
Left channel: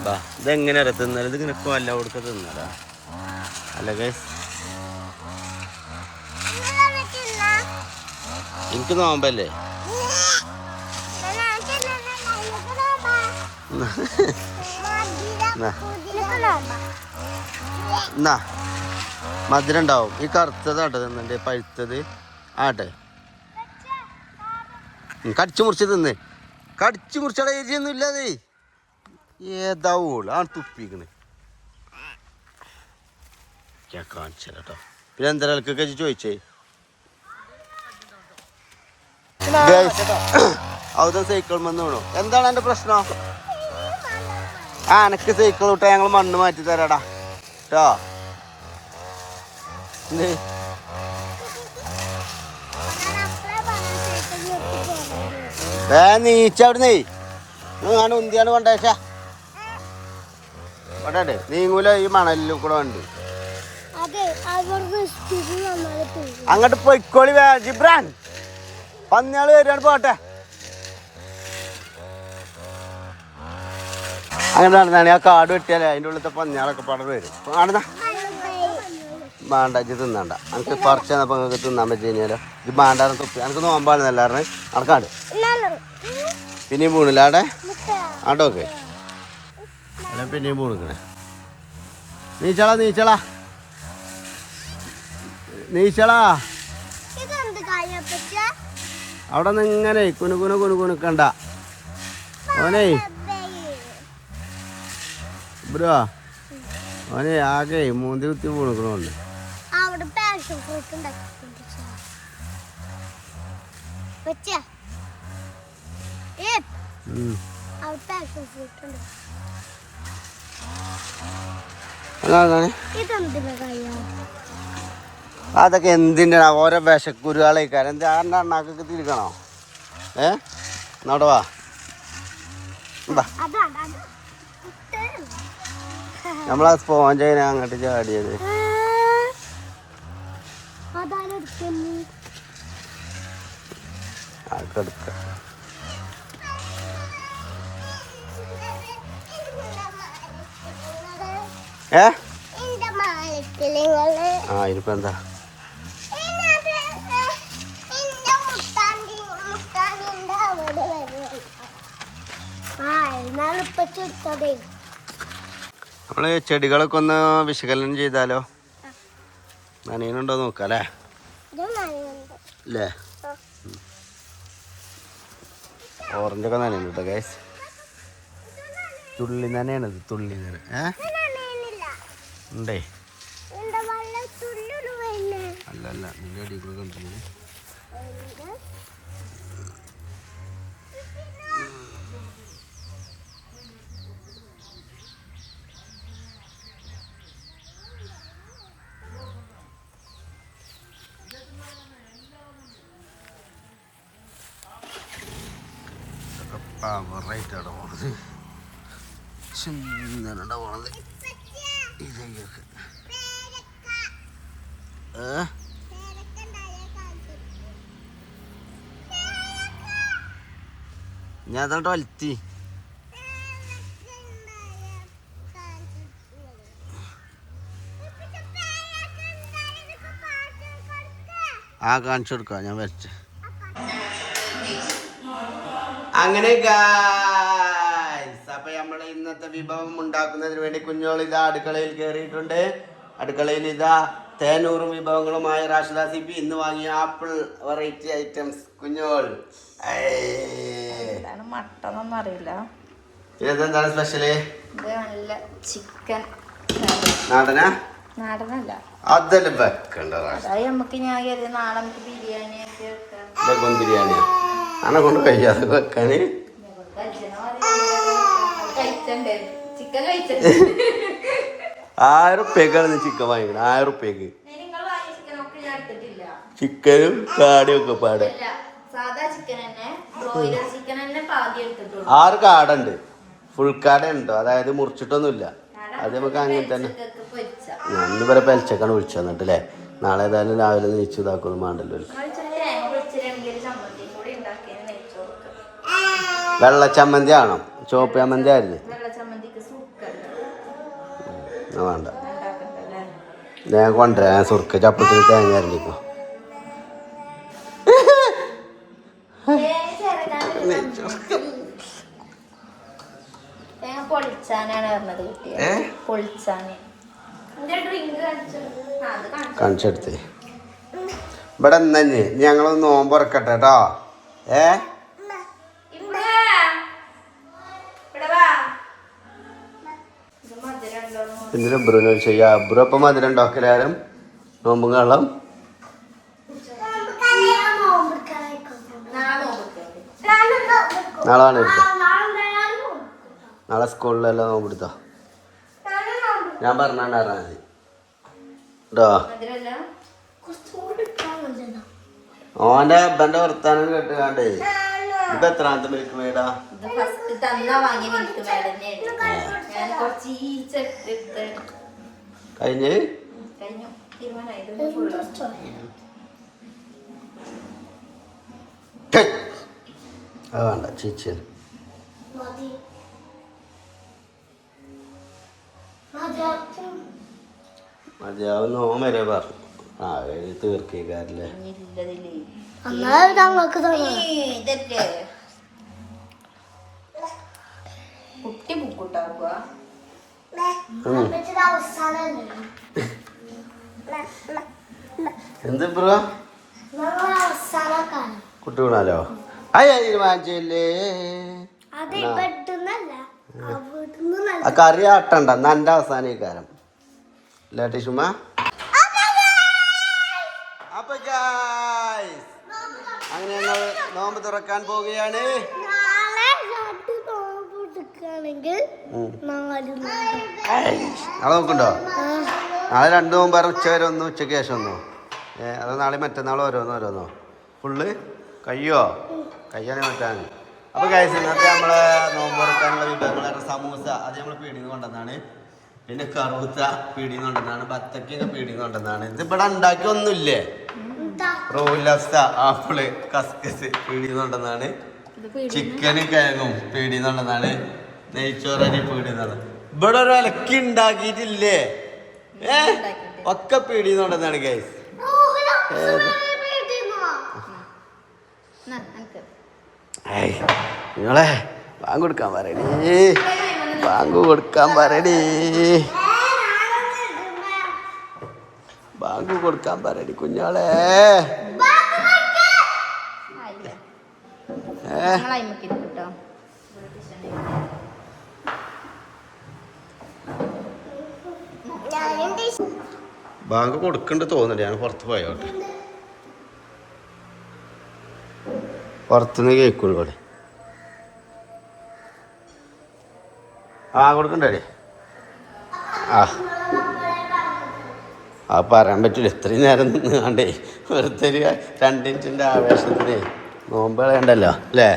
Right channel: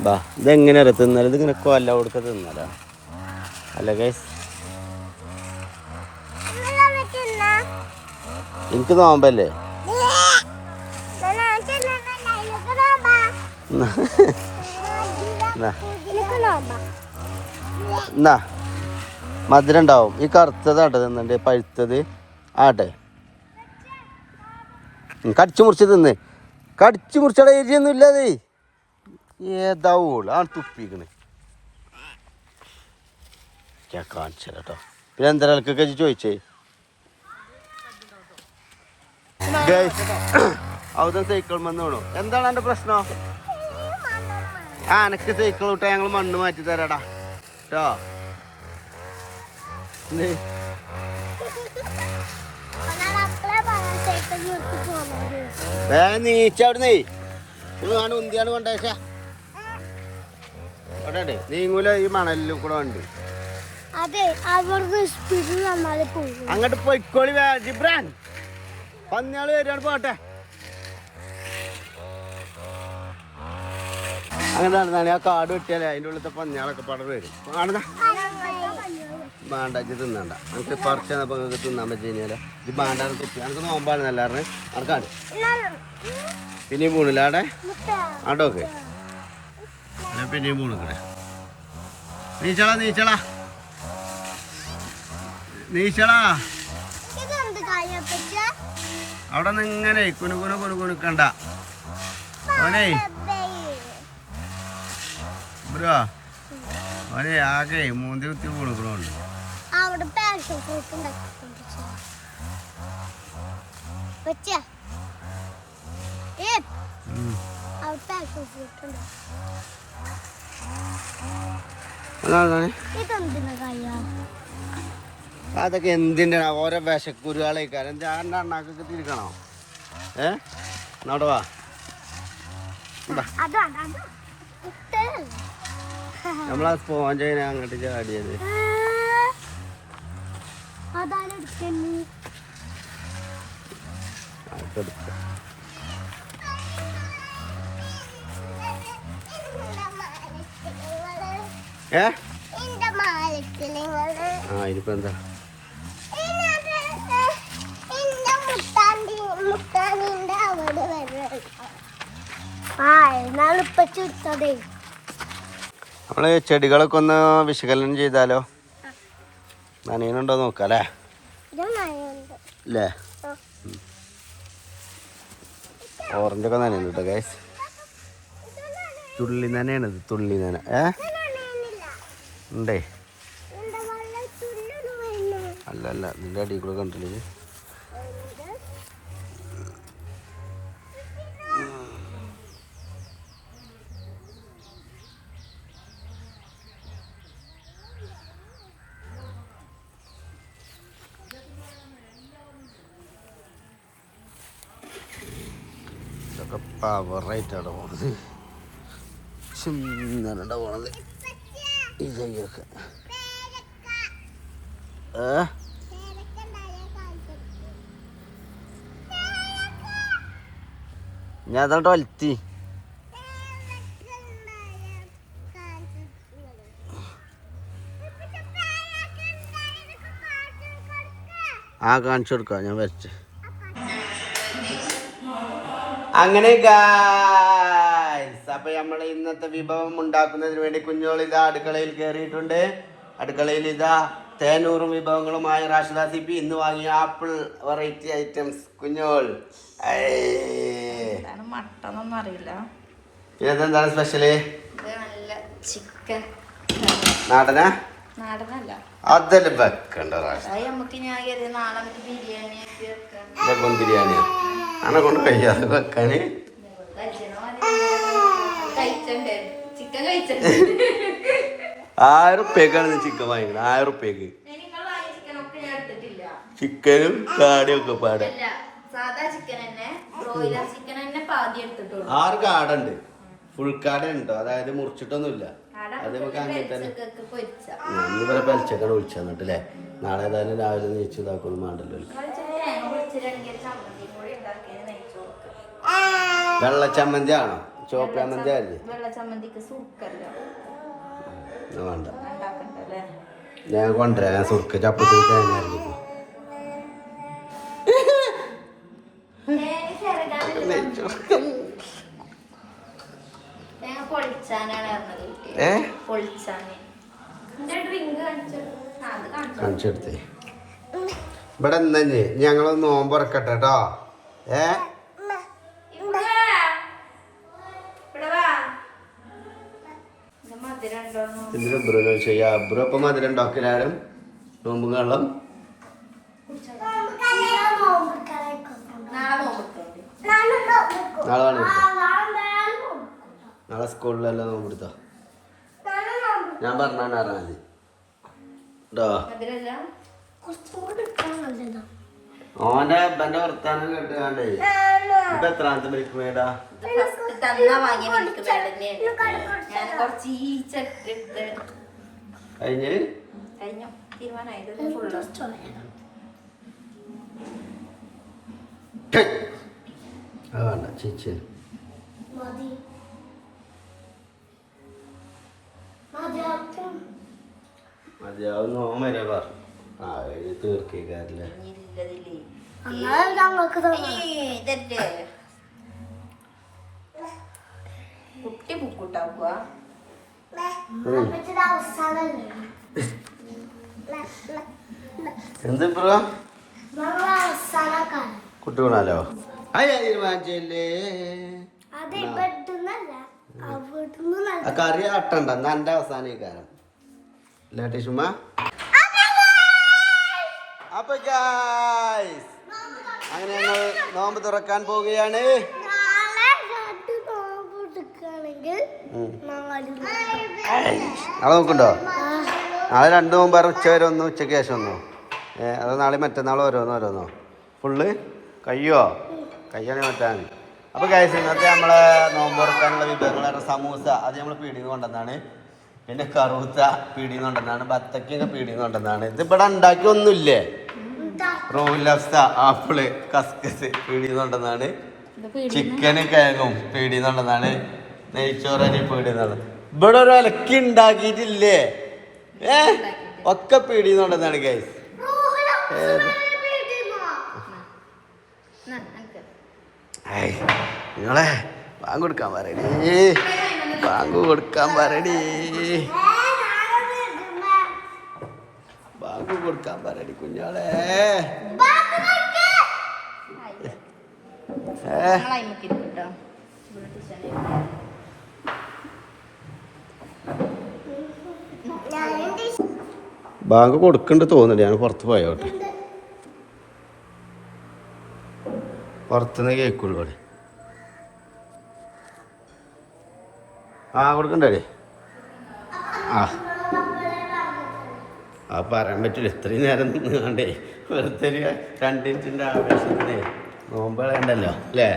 ബാ ഇതെങ്ങനെ തിന്നാലും ഇതിങ്ങനെ കൊല്ല കൊടുക്ക തിന്നാലാ അല്ലേ എനിക്ക് നോമ്പല്ലേ എന്നാ മധുരം ഉണ്ടാവും ഈ കറുത്തതാട്ടെ തിന്നണ്ട് പഴുത്തത് ആട്ടെ കടിച്ചു മുറിച്ച് തിന്ന് കടിച്ചു മുറിച്ചട എരിയൊന്നും ഇല്ലാതെ ഏതാവൂള് ആണ് തുപ്പിക്കണേ കാണിച്ചോ പിന്നെ എന്താ ആൾക്കൊക്കെ ചോദിച്ചേ അവിടെ സൈക്കിൾ വന്ന് വീണു എന്താണ് എൻ്റെ പ്രശ്നം ആ എനക്ക് സൈക്കിൾ വിട്ടാ ഞങ്ങൾ മണ്ണ് മാറ്റി തരാടാ കേട്ടോ നീച്ച അവിടുന്നേ ഞാൻ ഉന്തിയാണ് കൊണ്ടേച്ചാ കൊണ്ടേ നീങ്ങൂല ഈ മണലിലും കൂടെ ഉണ്ട് അങ്ങോട്ട് പൊയ്ക്കോളി ജിബ്രാൻ പന്നിയാള് വരികയാണ് പോട്ടെ അങ്ങനെ നടന്നാണ് ആ കാട് വെട്ടിയാലേ അതിൻ്റെ ഉള്ളിലത്തെ പന്നിയാളൊക്കെ പടർന്ന് വരും കാണുന്ന ബാണ്ടാക്കി തിന്നണ്ട എനിക്ക് പറിച്ച് തന്നപ്പോൾ നിങ്ങൾക്ക് തിന്നാൻ പറ്റി കഴിഞ്ഞാലോ ഇത് ബാണ്ടാന്ന് തൊപ്പി എനിക്ക് നോമ്പാണെന്ന് എല്ലാവരും നടക്കാണ്ട് പിന്നെയും പോണില്ല ആടെ ആട്ടോക്കെ അല്ല പിന്നെയും പോണിക്കണേ നീച്ചളാ അവിടെ നിന്ന് ഇങ്ങനെ കുനുക്കണ്ട ഓനേ ബ്രോ ഓനെ ആകെ മൂന്തി കുത്തി കൊടുക്കണുണ്ട് അതൊക്കെ എന്തിൻ്റെ ഓരോ വിശക്കുരുകളേക്കാരം എന്താ അണ്ണാക്കൊക്കെ തിരിക്കണോ നടവാ നമ്മളാ സ്പോഞ്ചിനെ അങ്ങോട്ട് ചാടിയത് ഏ ആ ഇനിയിപ്പോ എന്താ നമ്മള് ചെടികളൊക്കെ ഒന്ന് വിശകലനം ചെയ്താലോ? നനയുന്നുണ്ടോ നോക്കാം അല്ലേ? അല്ലേ ഓറഞ്ചൊക്കെ നനയുന്നു കേട്ടോ ഗൈസ്. തുള്ളി നനയാണിത്, തുള്ളി നന. ഉണ്ടേ അല്ല അല്ല ഇതിൻ്റെ അടിയിൽ കൂടെ കണ്ടില്ലേ? ഇതൊക്കെ പവറായിട്ടാണ് പോണത്, ചിന്നണ്ട പോണത് ഈ തൈയൊക്കെ. ഞാൻ അതോട്ട് വലുത്തി കാണിച്ചു കൊടുക്കാം ഞാൻ വരച്ച്. അങ്ങനെ ഗായ്സ്, അപ്പൊ നമ്മൾ ഇന്നത്തെ വിഭവം ഉണ്ടാക്കുന്നതിന് വേണ്ടി കുഞ്ഞോൾ ഇതാ അടുക്കളയിൽ കയറിയിട്ടുണ്ട്. അടുക്കളയിൽ ഇതാ തേനൂറും വിഭവങ്ങളുമായ റാഷിദ സിബി ഇന്ന് വാങ്ങിയ ആപ്പിൾ വെറൈറ്റി ഐറ്റംസ്. കുഞ്ഞോൾ മട്ടനൊന്നും അറിയില്ല. ഇതെന്താണ് സ്പെഷ്യല്? ചിക്കൻ. നാടനാ? നാടനല്ല, അതെല്ലാം വെക്കണ്ട. ലഗോൺ ബിരിയാണിയാ അനെ കൊണ്ട് കഴിക്കാതെ വെക്കാന്. 1000 ഉറുപ്പ്യക്കാണ് നീ ചിക്കൻ വാങ്ങിക്കണത്. 1000 ഉറുപ്പ്യക്ക് ചിക്കനും കാടിയും ഒക്കെ പാടെ. 6 കാടുണ്ട്, ഫുൾ കാട ഉണ്ടോ? അതായത് മുറിച്ചിട്ടൊന്നുമില്ല. അത് നമുക്ക് അങ്ങനെ തന്നെ. ഇന്ന് വരെ പെലച്ചക്കാണ് വിളിച്ചു തന്നിട്ടല്ലേ. നാളെ ഏതായാലും രാവിലെ നീച്ച് ഇതാക്കുന്നു വേണ്ടല്ലോ. വെള്ളച്ചമ്മന്തി ആണോ? ചോപ്പ് ചമ്മന്തി ആയിരുന്നു. വേണ്ട, ഞാൻ കൊണ്ടുവരാം. സുർക്ക ചപ്പത്തിൽ തേങ്ങ അരഞ്ഞിപ്പോ. കാണിച്ചെടുത്തേ ഇവിടെ തന്നെ. ഞങ്ങളൊന്ന് നോമ്പുറക്കട്ടെ കേട്ടോ. എന്തിനാ ബ്രൂനോ ചെയ്യാ? ബ്രൂ അപ്പം മധുരം ഉണ്ടാക്കലാരും നോമ്പും കള്ളം. നാളെ നാളെ സ്കൂളിലെല്ലാം നോമ്പെടുത്തോ? ഞാൻ പറഞ്ഞാണ്ട് അറിയാൻ മതി കേട്ടോ. ഓന്റെ അപ്പന്റെ വർത്താനം കേട്ടാണ്ടേ. ഇപ്പൊ എത്രാമത്തെ മിൽക്ക് മേടാ? കഴിഞ്ഞ് വേണ്ട ചിച്ചൻ മതിയാവും. നോമ്പ് വരെ പറഞ്ഞു. തീർക്കേക്കാരല്ലേ? കുട്ടി ബുക്കുട്ടാവുക. എന്ത് ബ്രോ കുട്ടി വീണാലോ? അയ്യല്ലേ ആ കറി ആട്ടണ്ട. എന്നാ എന്റെ അവസാനിക്കാരം ലേട്ടി ചുമ. അപ്പൊ അങ്ങനെ ഞങ്ങൾ നോമ്പ് തുറക്കാൻ പോവുകയാണ്. നാളെ നോക്കുന്നുണ്ടോ? നാളെ 2 നോമ്പ് ഉച്ച വരെ ഒന്നോ ഉച്ചയ്ക്ക് ശേഷം ഒന്നോ? അതോ നാളെ മറ്റന്നാൾ ഓരോന്നോ ഫുള്ള് കഴിയോ? കഴിയാണെങ്കിൽ മറ്റാണ്. അപ്പോൾ ഗൈസ്, ഇന്നത്തെ നമ്മളെ നോമ്പ് തുറക്കാനുള്ള വിഭവങ്ങൾ സമൂസ അത് നമ്മൾ പീടിന്ന് കൊണ്ടുവന്നാണ്. പിന്നെ കറുത്ത പീടിന്ന് കൊണ്ടുവന്നാണ്. ബത്തക്കൊക്കെ പീടിന്ന് കൊണ്ടുവന്നാണ്. ഇത് ഇവിടെ ഉണ്ടാക്കി ഒന്നുമില്ലേ? റോൾ ലഫ്സ, ആപ്പിള്, കസ്കസ് പീടിന്ന് കൊണ്ടുവന്നാണ്. ചിക്കനും കിഴങ്ങും പീടിന്ന് കൊണ്ടുവന്നാണ്. നെയ്ച്ചോറ് പീടിന്നാണ്. ഇവിടെ ഒരു ഇലക്കി ഉണ്ടാക്കിയിട്ടില്ലേ ഒക്കെ പീടിയെന്നുണ്ടെന്നാണ് ഗൈസ്. നിങ്ങളെ ബാങ്ക് കൊടുക്കാൻ പറയണേ, ബാങ്ക് കൊടുക്കാൻ പറയണേ, ബാങ്ക് കൊടുക്കാൻ പറയണി കുഞ്ഞോളെ. ബാങ്ക് കൊടുക്കണ്ട തോന്നില്ല, ഞാൻ പുറത്ത് പോയോട്ടെ, പുറത്തുനിന്ന് കേൾക്കുള്ളൂ ഇവിടെ. കൊടുക്കണ്ടേ? പറയാൻ പറ്റില്ല, ഇത്രയും നേരം നിന്നാണ്ടേ വെറുതെ 2 മിനിറ്റിൻ്റെ ആവേശത്തിന് നോമ്പ് കളയണ്ടല്ലോ അല്ലേ.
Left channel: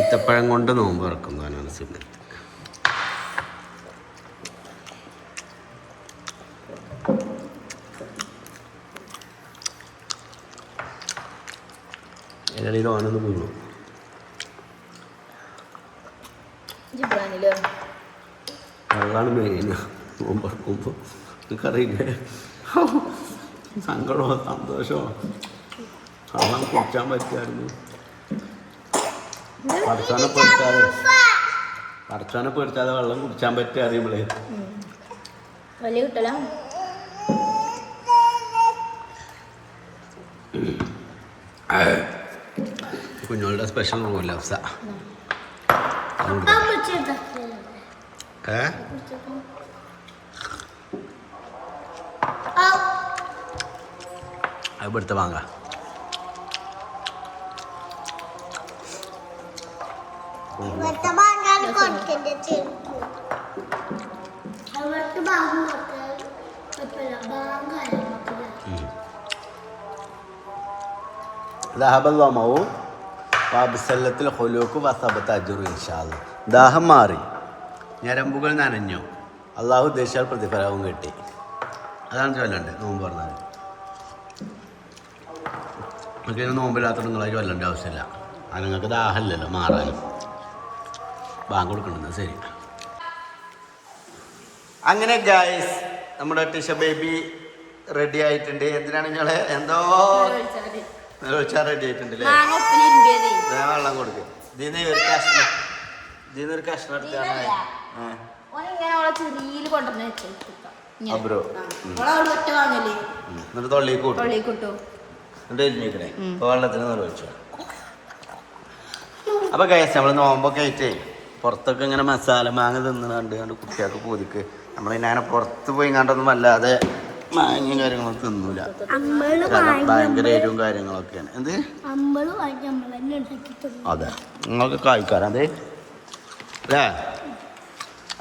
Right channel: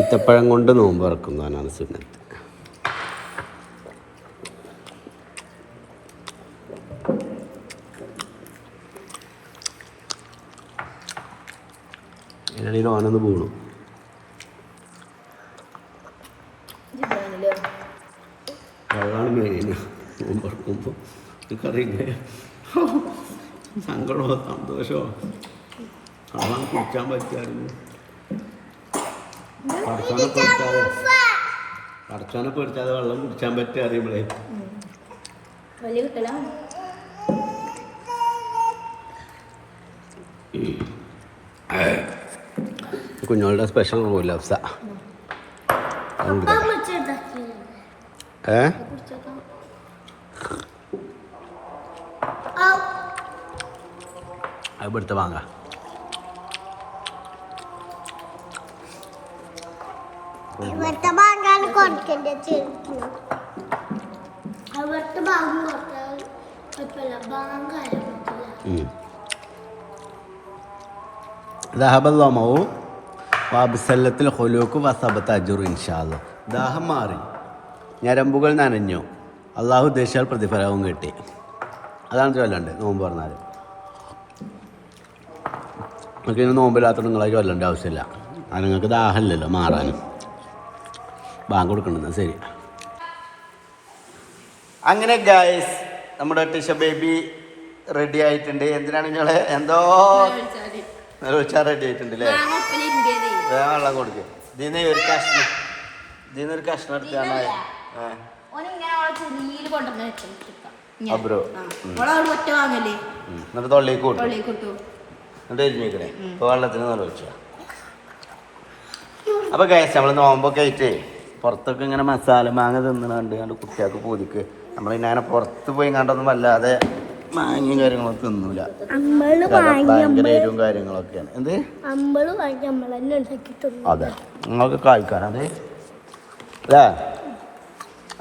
ഈത്തപ്പഴം കൊണ്ട് നോമ്പ് ഇറക്കുന്നതാണ് സുന്നത്ത്. ഇടയിൽ ഓനൊന്ന് വീണു. വെള്ളമാണ് മെയിൻ നോമ്പറക്കുമ്പോൾ. എനിക്കറിയില്ലേ സങ്കടമോ സന്തോഷമോ വെള്ളം കുടിക്കാൻ പറ്റുമായിരുന്നു. പടച്ചോനെ പേടിച്ചാതെ വെള്ളം കുടിച്ചാൻ പറ്റുക അറിയുമ്പോഴേ വലിയ കിട്ടല. കുഞ്ഞോളുടെ സ്പെഷ്യൽ റൂൽ ലഫ്സ. അത് ഇവിടുത്തെ വാങ്ങ. ദാഹം മാറി, ഞരമ്പുകൾ നനഞ്ഞു, അള്ളാഹു ഉദ്ദേശിച്ചാൽ പ്രതിഫലവും കിട്ടി. അതാണ് ചൊല്ലണ്ട് നോമ്പ് പറഞ്ഞാൽ. നമുക്ക് നോമ്പില്ലാത്ത നിങ്ങളെ ചൊല്ലേണ്ട ആവശ്യമില്ല, അത് നിങ്ങൾക്ക് ദാഹമില്ലല്ലോ മാറാനും. ബാങ്ക് കൊടുക്കേണ്ടത് ശരി. അങ്ങനെ ഗായ്സ്, നമ്മുടെ ടിഷ ബേബി റെഡി ആയിട്ടുണ്ട്. എന്തിനാണ് നിങ്ങളെ എന്തോ വെച്ചാൽ റെഡി ആയിട്ടുണ്ട് അല്ലേ? വേഗം വെള്ളം കൊടുക്കുക. ഇതിന്നൊരു കഷ്ണം എടുത്താണ് അബ്രോ. എന്നിട്ട് തൊള്ളിക്ക് കൂട്ടും, എന്നിട്ട് എരിഞ്ഞേക്കണേ. ഇപ്പോൾ വെള്ളത്തിന് നിറവെച്ചാ. അപ്പോൾ ഗൈസ്, നമ്മൾ നോമ്പൊക്കെ ആയിട്ട് പുറത്തൊക്കെ ഇങ്ങനെ മസാല മാങ്ങ തിന്നുന്നുണ്ട്. കുട്ടികൾക്ക് പൂതിക്ക് നമ്മളിങ്ങനെ പുറത്ത് പോയി കണ്ടൊന്നും വല്ലാതെ മാങ്ങയും കാര്യങ്ങളൊന്നും തിന്നൂല. കാരണം ഭയങ്കര എരിവും കാര്യങ്ങളൊക്കെയാണ്. എന്ത് അതെ, നിങ്ങൾക്ക് കായ്ക്കാരാ അതെ അല്ലേ?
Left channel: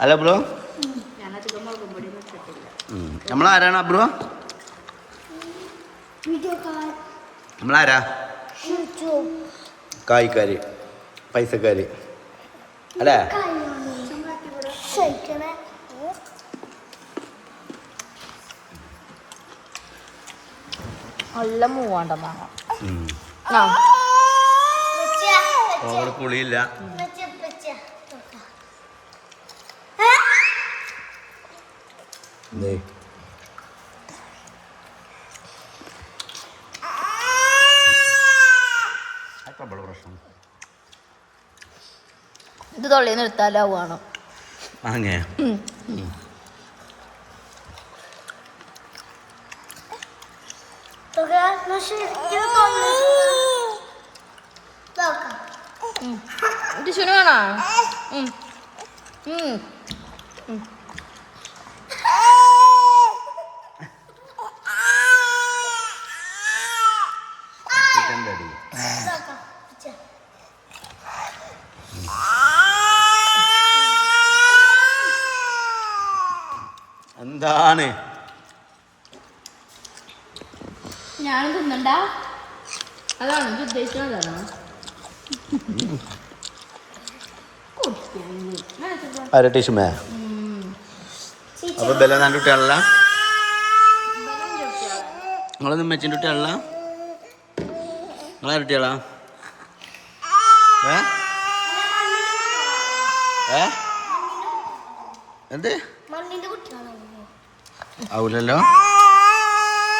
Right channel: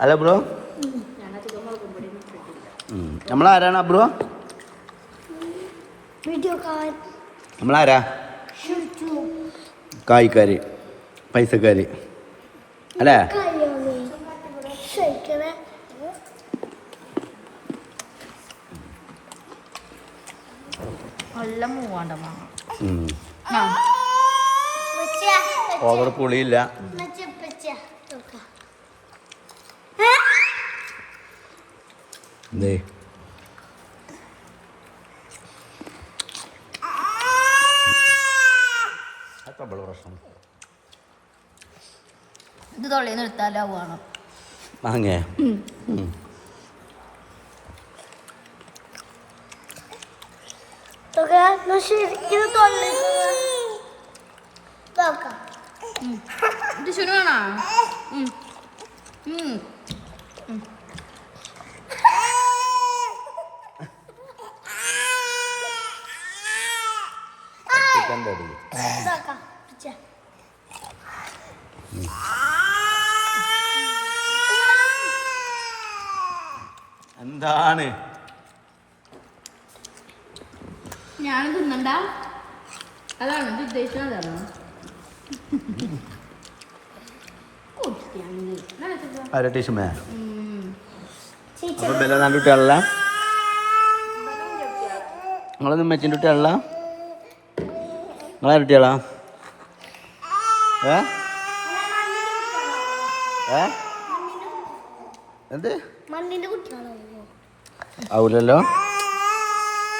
അല്ല ബ്രോ, നമ്മളാരാണ് ബ്രോ? നമ്മളാരാ? കായ്ക്കാര്, പൈസക്കാര് അല്ലേ? നല്ല മൂവാണ്ടമാങ്ങ. ഓവർ പുളിയില്ല. പ്രശ്നം ഇത് തൊള്ളിന്ന് എടുത്താലാവുകയാണോ മാങ്ങ? ടിഷുനാണോ? എന്താണ് ഞാൻ തിന്നണ്ട? അതാണ് ഉദ്ദേശിച്ചത്. ആരാ ടിഷുമേ? അപ്പൊ ബല നാൻ്റെ കുട്ടികളല്ല, നിങ്ങളൊന്നും മെച്ചിൻ്റെ കുട്ടികളല്ല, നിങ്ങളാ കുട്ടികളാ? എന്ത് മണ്ണിന്റെ കുട്ടിയാണോ ആവൂലല്ലോ.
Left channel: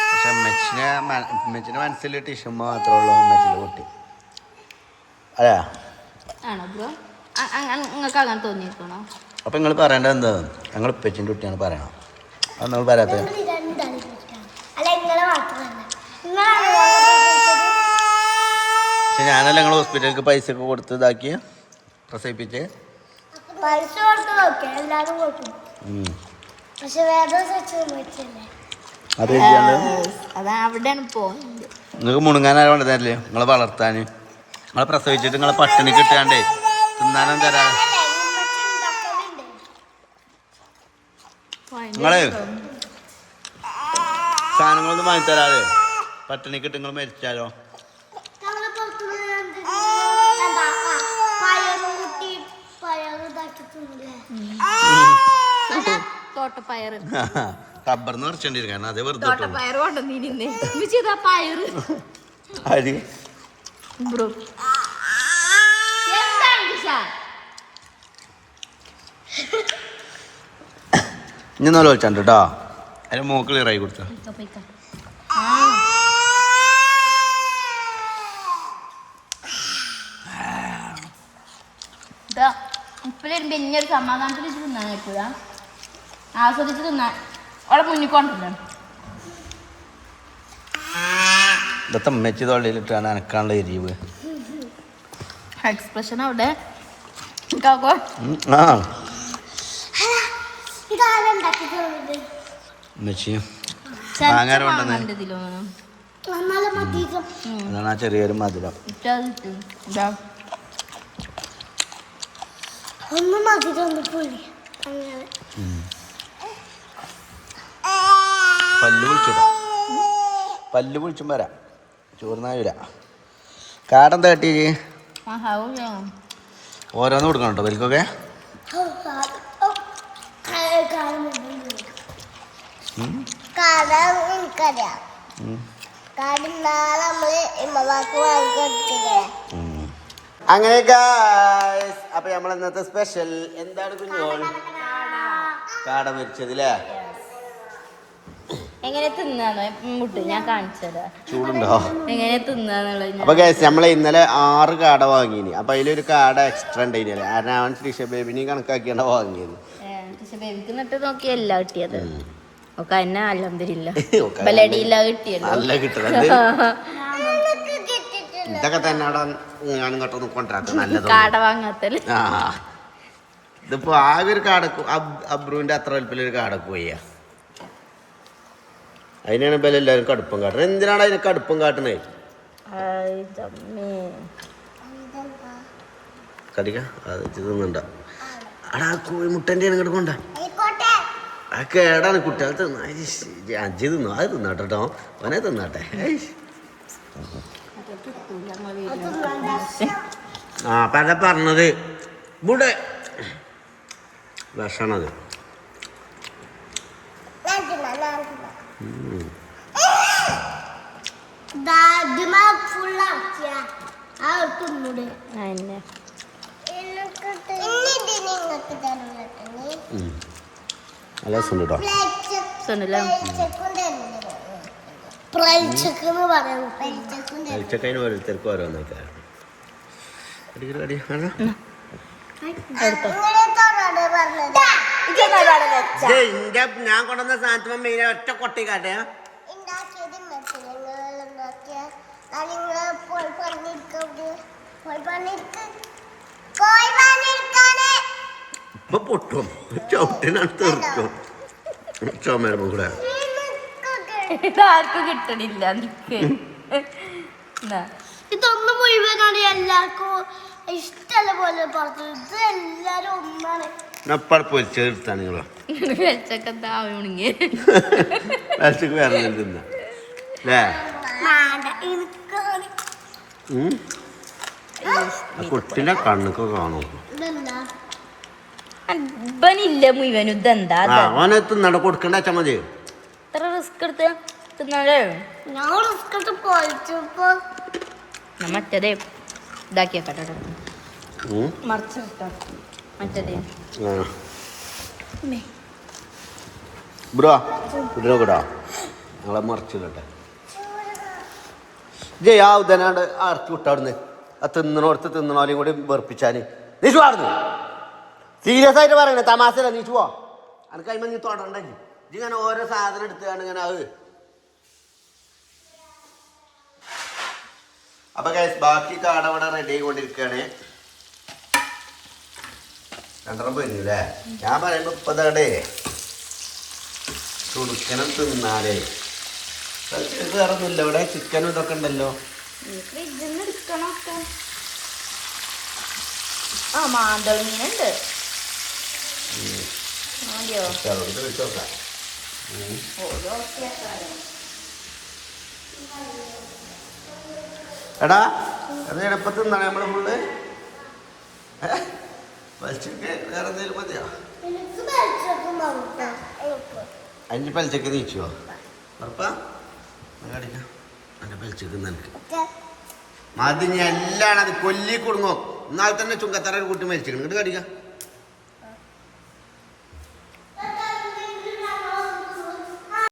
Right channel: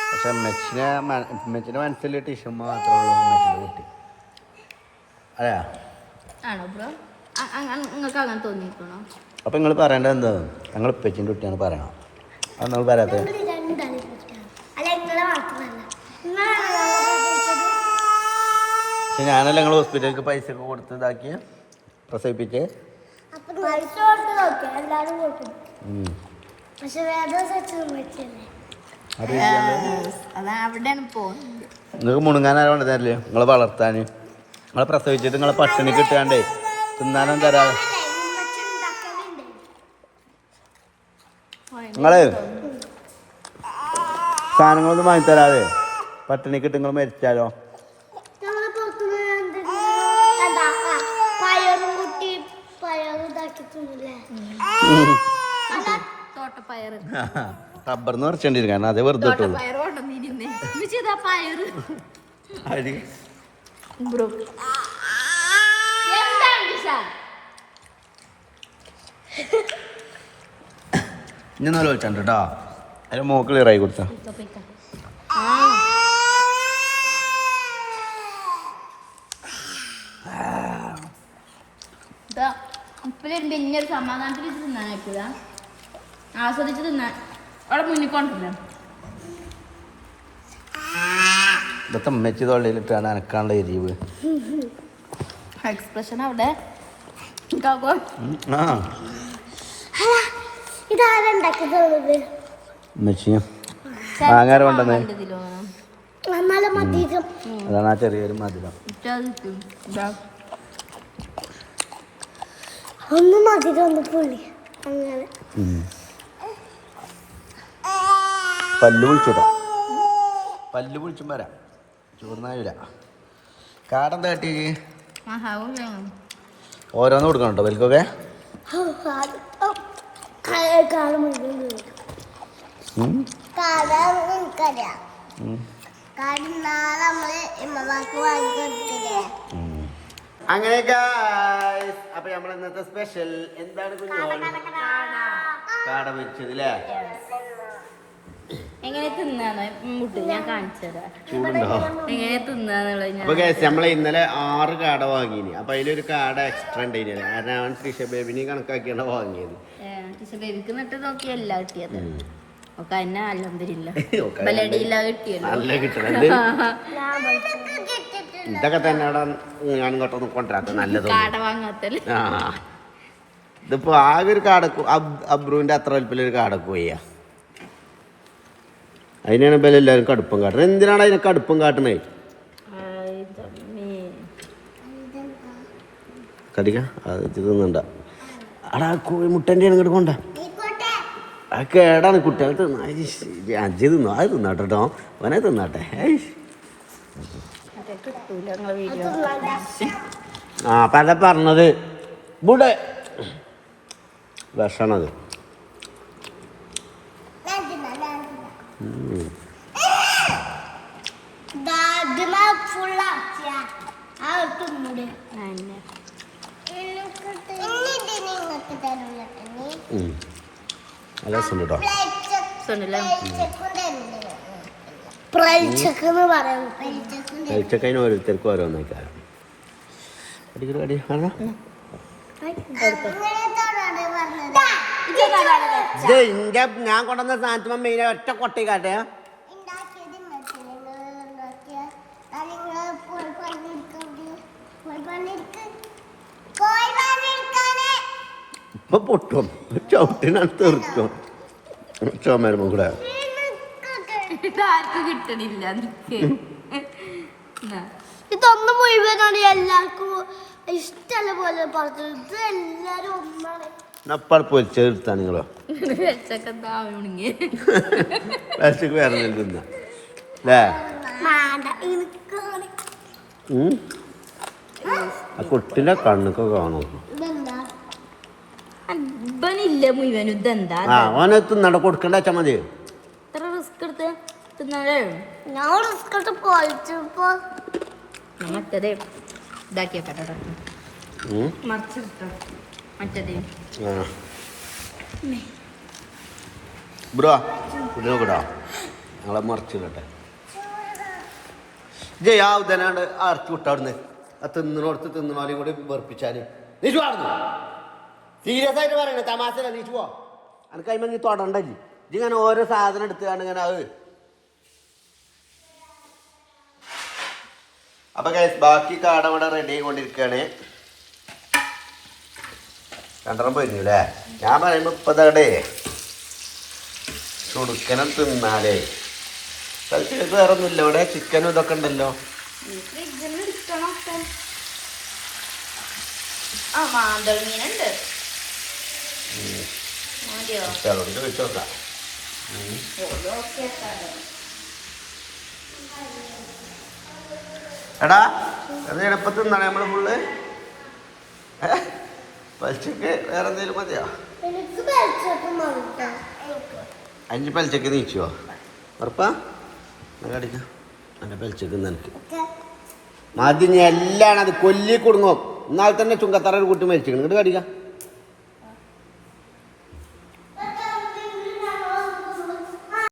പക്ഷെ അമ്മച്ചിന്റെ മനസ്സിൽ ടിഷുമ്മ മാത്രമേ ഉള്ളൂ അമ്മച്ചിന്റെ കുട്ടി. അല്ലേ? ആണോ ബ്രോ? നിങ്ങൾക്ക് അങ്ങനെ തോന്നിയിരിക്കണോ? അപ്പൊ നിങ്ങൾ പറയേണ്ടത് എന്താ? ഞങ്ങൾ ഉപ്പച്ചിന്റെ കുട്ടിയാണ് പറയണം. അത് നമ്മൾ പറയാത്തത്. പക്ഷെ ഞാനല്ല നിങ്ങൾ ഹോസ്പിറ്റലിലേക്ക് പൈസ ഒക്കെ കൊടുത്ത് ഇതാക്കി പ്രസവിപ്പിച്ച്. അത് നിങ്ങൾക്ക് മുണുങ്ങാനാണ് കൊണ്ട് തരില്ലേ നിങ്ങളെ വളർത്താൻ. നിങ്ങളെ പ്രസവിച്ചിട്ട് നിങ്ങളെ പട്ടിണി കിട്ടാണ്ടേ തിന്നാനും തരാതെ നിങ്ങള് സാധനങ്ങളൊന്നും വാങ്ങി തരാതെ പട്ടിണിക്കിട്ട് നിങ്ങൾ മരിച്ചാലോ? റബ്ബർന്ന് കുറച്ചേണ്ടി കാരണം അതേ വെറുതെ ഇട്ടുള്ളൂ. ഇനി നല്ല വിളിച്ചാണ്ട് കേട്ടോ. അതിന് മോക്ക് ക്ലിയറായി കൊടുത്ത ഇനിയൊരു സമാധാനത്തിൽ തിന്നാനായിക്കൂല, ആസ്വദിച്ച് തിന്നാൻ അവിടെ മുന്നിൽ കൊണ്ടിരുന്നു. ഇതൊക്കെ അമ്മച്ചി തൊള്ളിയിലിട്ടാണ് അനക്കാനുള്ള എരിവ്. എക്സ്പ്രഷൻ അവിടെ മാങ്ങാര കൊണ്ടുവന്നേ. അതാണ് ആ ചെറിയൊരു മധുരം. പല്ല് വിളിച്ചുടാ, പല്ല് വിളിച്ചും വരാം. ചോറിനാവില്ല. കാടെന്താ കട്ടി ഓരോന്ന് കൊടുക്കണം കേട്ടോ വൽക്കൊക്കെ. അങ്ങനെ അപ്പൊ നമ്മൾ ഇന്നത്തെ സ്പെഷ്യൽ എന്താണ് കുഞ്ഞോൾ? കാട പൊരിച്ചത് അല്ലേ? എങ്ങനെ തിന്നാന്ന് ഞാൻ കാണിച്ചത്. ചൂടുണ്ടോ? എങ്ങനെ തിന്നാന്നുള്ളത്. അപ്പൊ നമ്മള് ഇന്നലെ 6 കാട വാങ്ങിനി. അപ്പൊ അതിലൊരു കാട എക്സ്ട്രാ ഉണ്ടായില്ലേ, കാരണം അവൻ ത്രിഷ ബേബിനെയും കണക്കാക്കിയാണ് വാങ്ങിയത്. ബേബിക്ക് നട്ട് നോക്കിയല്ല കിട്ടിയത്. ഒക്കെ എന്നെ അൽഹംദുലില്ലാ കിട്ടിയത്. നല്ല കിട്ടണത് ഇതൊക്കെ തന്നെ അവിടെ ഞാൻ ഇങ്ങോട്ടൊന്നും കൊണ്ടുവരാത്ത നല്ലത്. ആ ഇതിപ്പോ ആകെ ഒരു കാടക്ക് അബ്രുവിന്റെ അത്ര വലിപ്പത്തിലൊരു കാടക്ക് പോയാ. അതിനാണ് ഇപ്പം എല്ലാവരും കടുപ്പം കാട്ടുന്നത്. എന്തിനാണ് അതിനെ കടുപ്പം കാട്ടണേ? കടിക്ക അത് തിന്നണ്ട. അടാ കോഴിമുട്ടൻ്റെ ഇങ്ങോട്ട് കൊണ്ട അത് കേടാണ്. കുട്ടികൾ തിന്ന അജി തിന്നോ? അത് തിന്നാട്ടെ കേട്ടോ, അവനെ തിന്നാട്ടെ. ആ പല പറഞ്ഞത് ഇവിടെ വിഷണത്. നല്ല രസം കേട്ടോ. കഴിച്ചക്കതിന് ഓരോരുത്തർക്കും ഓരോന്ന് വെച്ചാൽ ഞാൻ കൊണ്ടുവന്ന സാധനത്തിന് മെയിൻ ഒറ്റ കൊട്ടിക്കാട്ടെ. ഇപ്പൊ പൊട്ടും ചവിട്ടിനടുത്ത് തീർക്കും ചുമരുമ്പോ കൂടെ. കിട്ടണില്ല ഇതൊന്നും മുഴുവനാണ് എല്ലാവർക്കും ഇഷ്ടമല്ല പോലെ പുറത്ത്. ഇത് എല്ലാരും ഒന്നാണ്. പൊരിച്ചെടുത്താണ് നിങ്ങളോ വിശക്ക് വേറെ തിന്ന അല്ലേ? ആ കുട്ടിന്റെ കണ്ണൊക്കെ കാണും. മുഴുവനും ഇതെന്താ ഓനെ തിന്നണ്ട കൊടുക്കണ്ട വെച്ചാ മതി. ഇത്ര റിസ്ക് എടുത്ത് തിന്നാലേ മറ്റേത് ഇതാക്കിയാ മറിച്ച് മറ്റേ ബ്രോ ഇതിനോക്കടാ ഞങ്ങളെ മറിച്ചിടട്ടെ ജയ് ആ ഉദനാണ്ട് ആർക്കി വിട്ടവിടുന്ന് ആ തിന്നണോടത്ത് തിന്നണോലെയും കൂടി വെറുപ്പിച്ചാൽ നീ ചുവാടുന്നു സീരിയസ് ആയിട്ട് പറയണേ തമാശല്ല നീ ചുവോ എനിക്ക് കഴിയുമ്പോൾ നീ തൊടണ്ടല്ലേ ഇങ്ങനെ ഓരോ സാധനം എടുത്തുകൊണ്ട് ഇങ്ങനെ അത് അപ്പൊ ഗൈസ് ബാക്കി കാട ഇവിടെ റെഡി ആയിക്കൊണ്ടിരിക്കുകയാണ് രണ്ടെണ്ണം പോയിരുന്നു അല്ലേ ഞാൻ പറയുമ്പോ ഇപ്പതേ ചുടുക്കനം തിന്നാലേ വേറെ ഒന്നുമില്ല ഇവിടെ ചിക്കനും ഇതൊക്കെ ഉണ്ടല്ലോ അതുകൊണ്ട് വെച്ചോക്കാം എടാ അത് എളുപ്പത്തിൽ നിന്നാണ് നമ്മള് ഫുള്ള് പലിച്ചക്ക് വേറെ എന്തെങ്കിലും മതിയോ 5 പലിച്ചക്ക് നീച്ചുവോ ഉറപ്പാ കടിക്കാം എൻ്റെ പലിച്ചക്ക് നിനക്ക് മതി എല്ലാം അത് കൊല്ലി കൊടുങ്ങോ എന്നാൽ തന്നെ ചുങ്കത്തറ ഒരു കുട്ടി മരിച്ചിരിക്കണം ഇങ്ങോട്ട് കടിക്കാം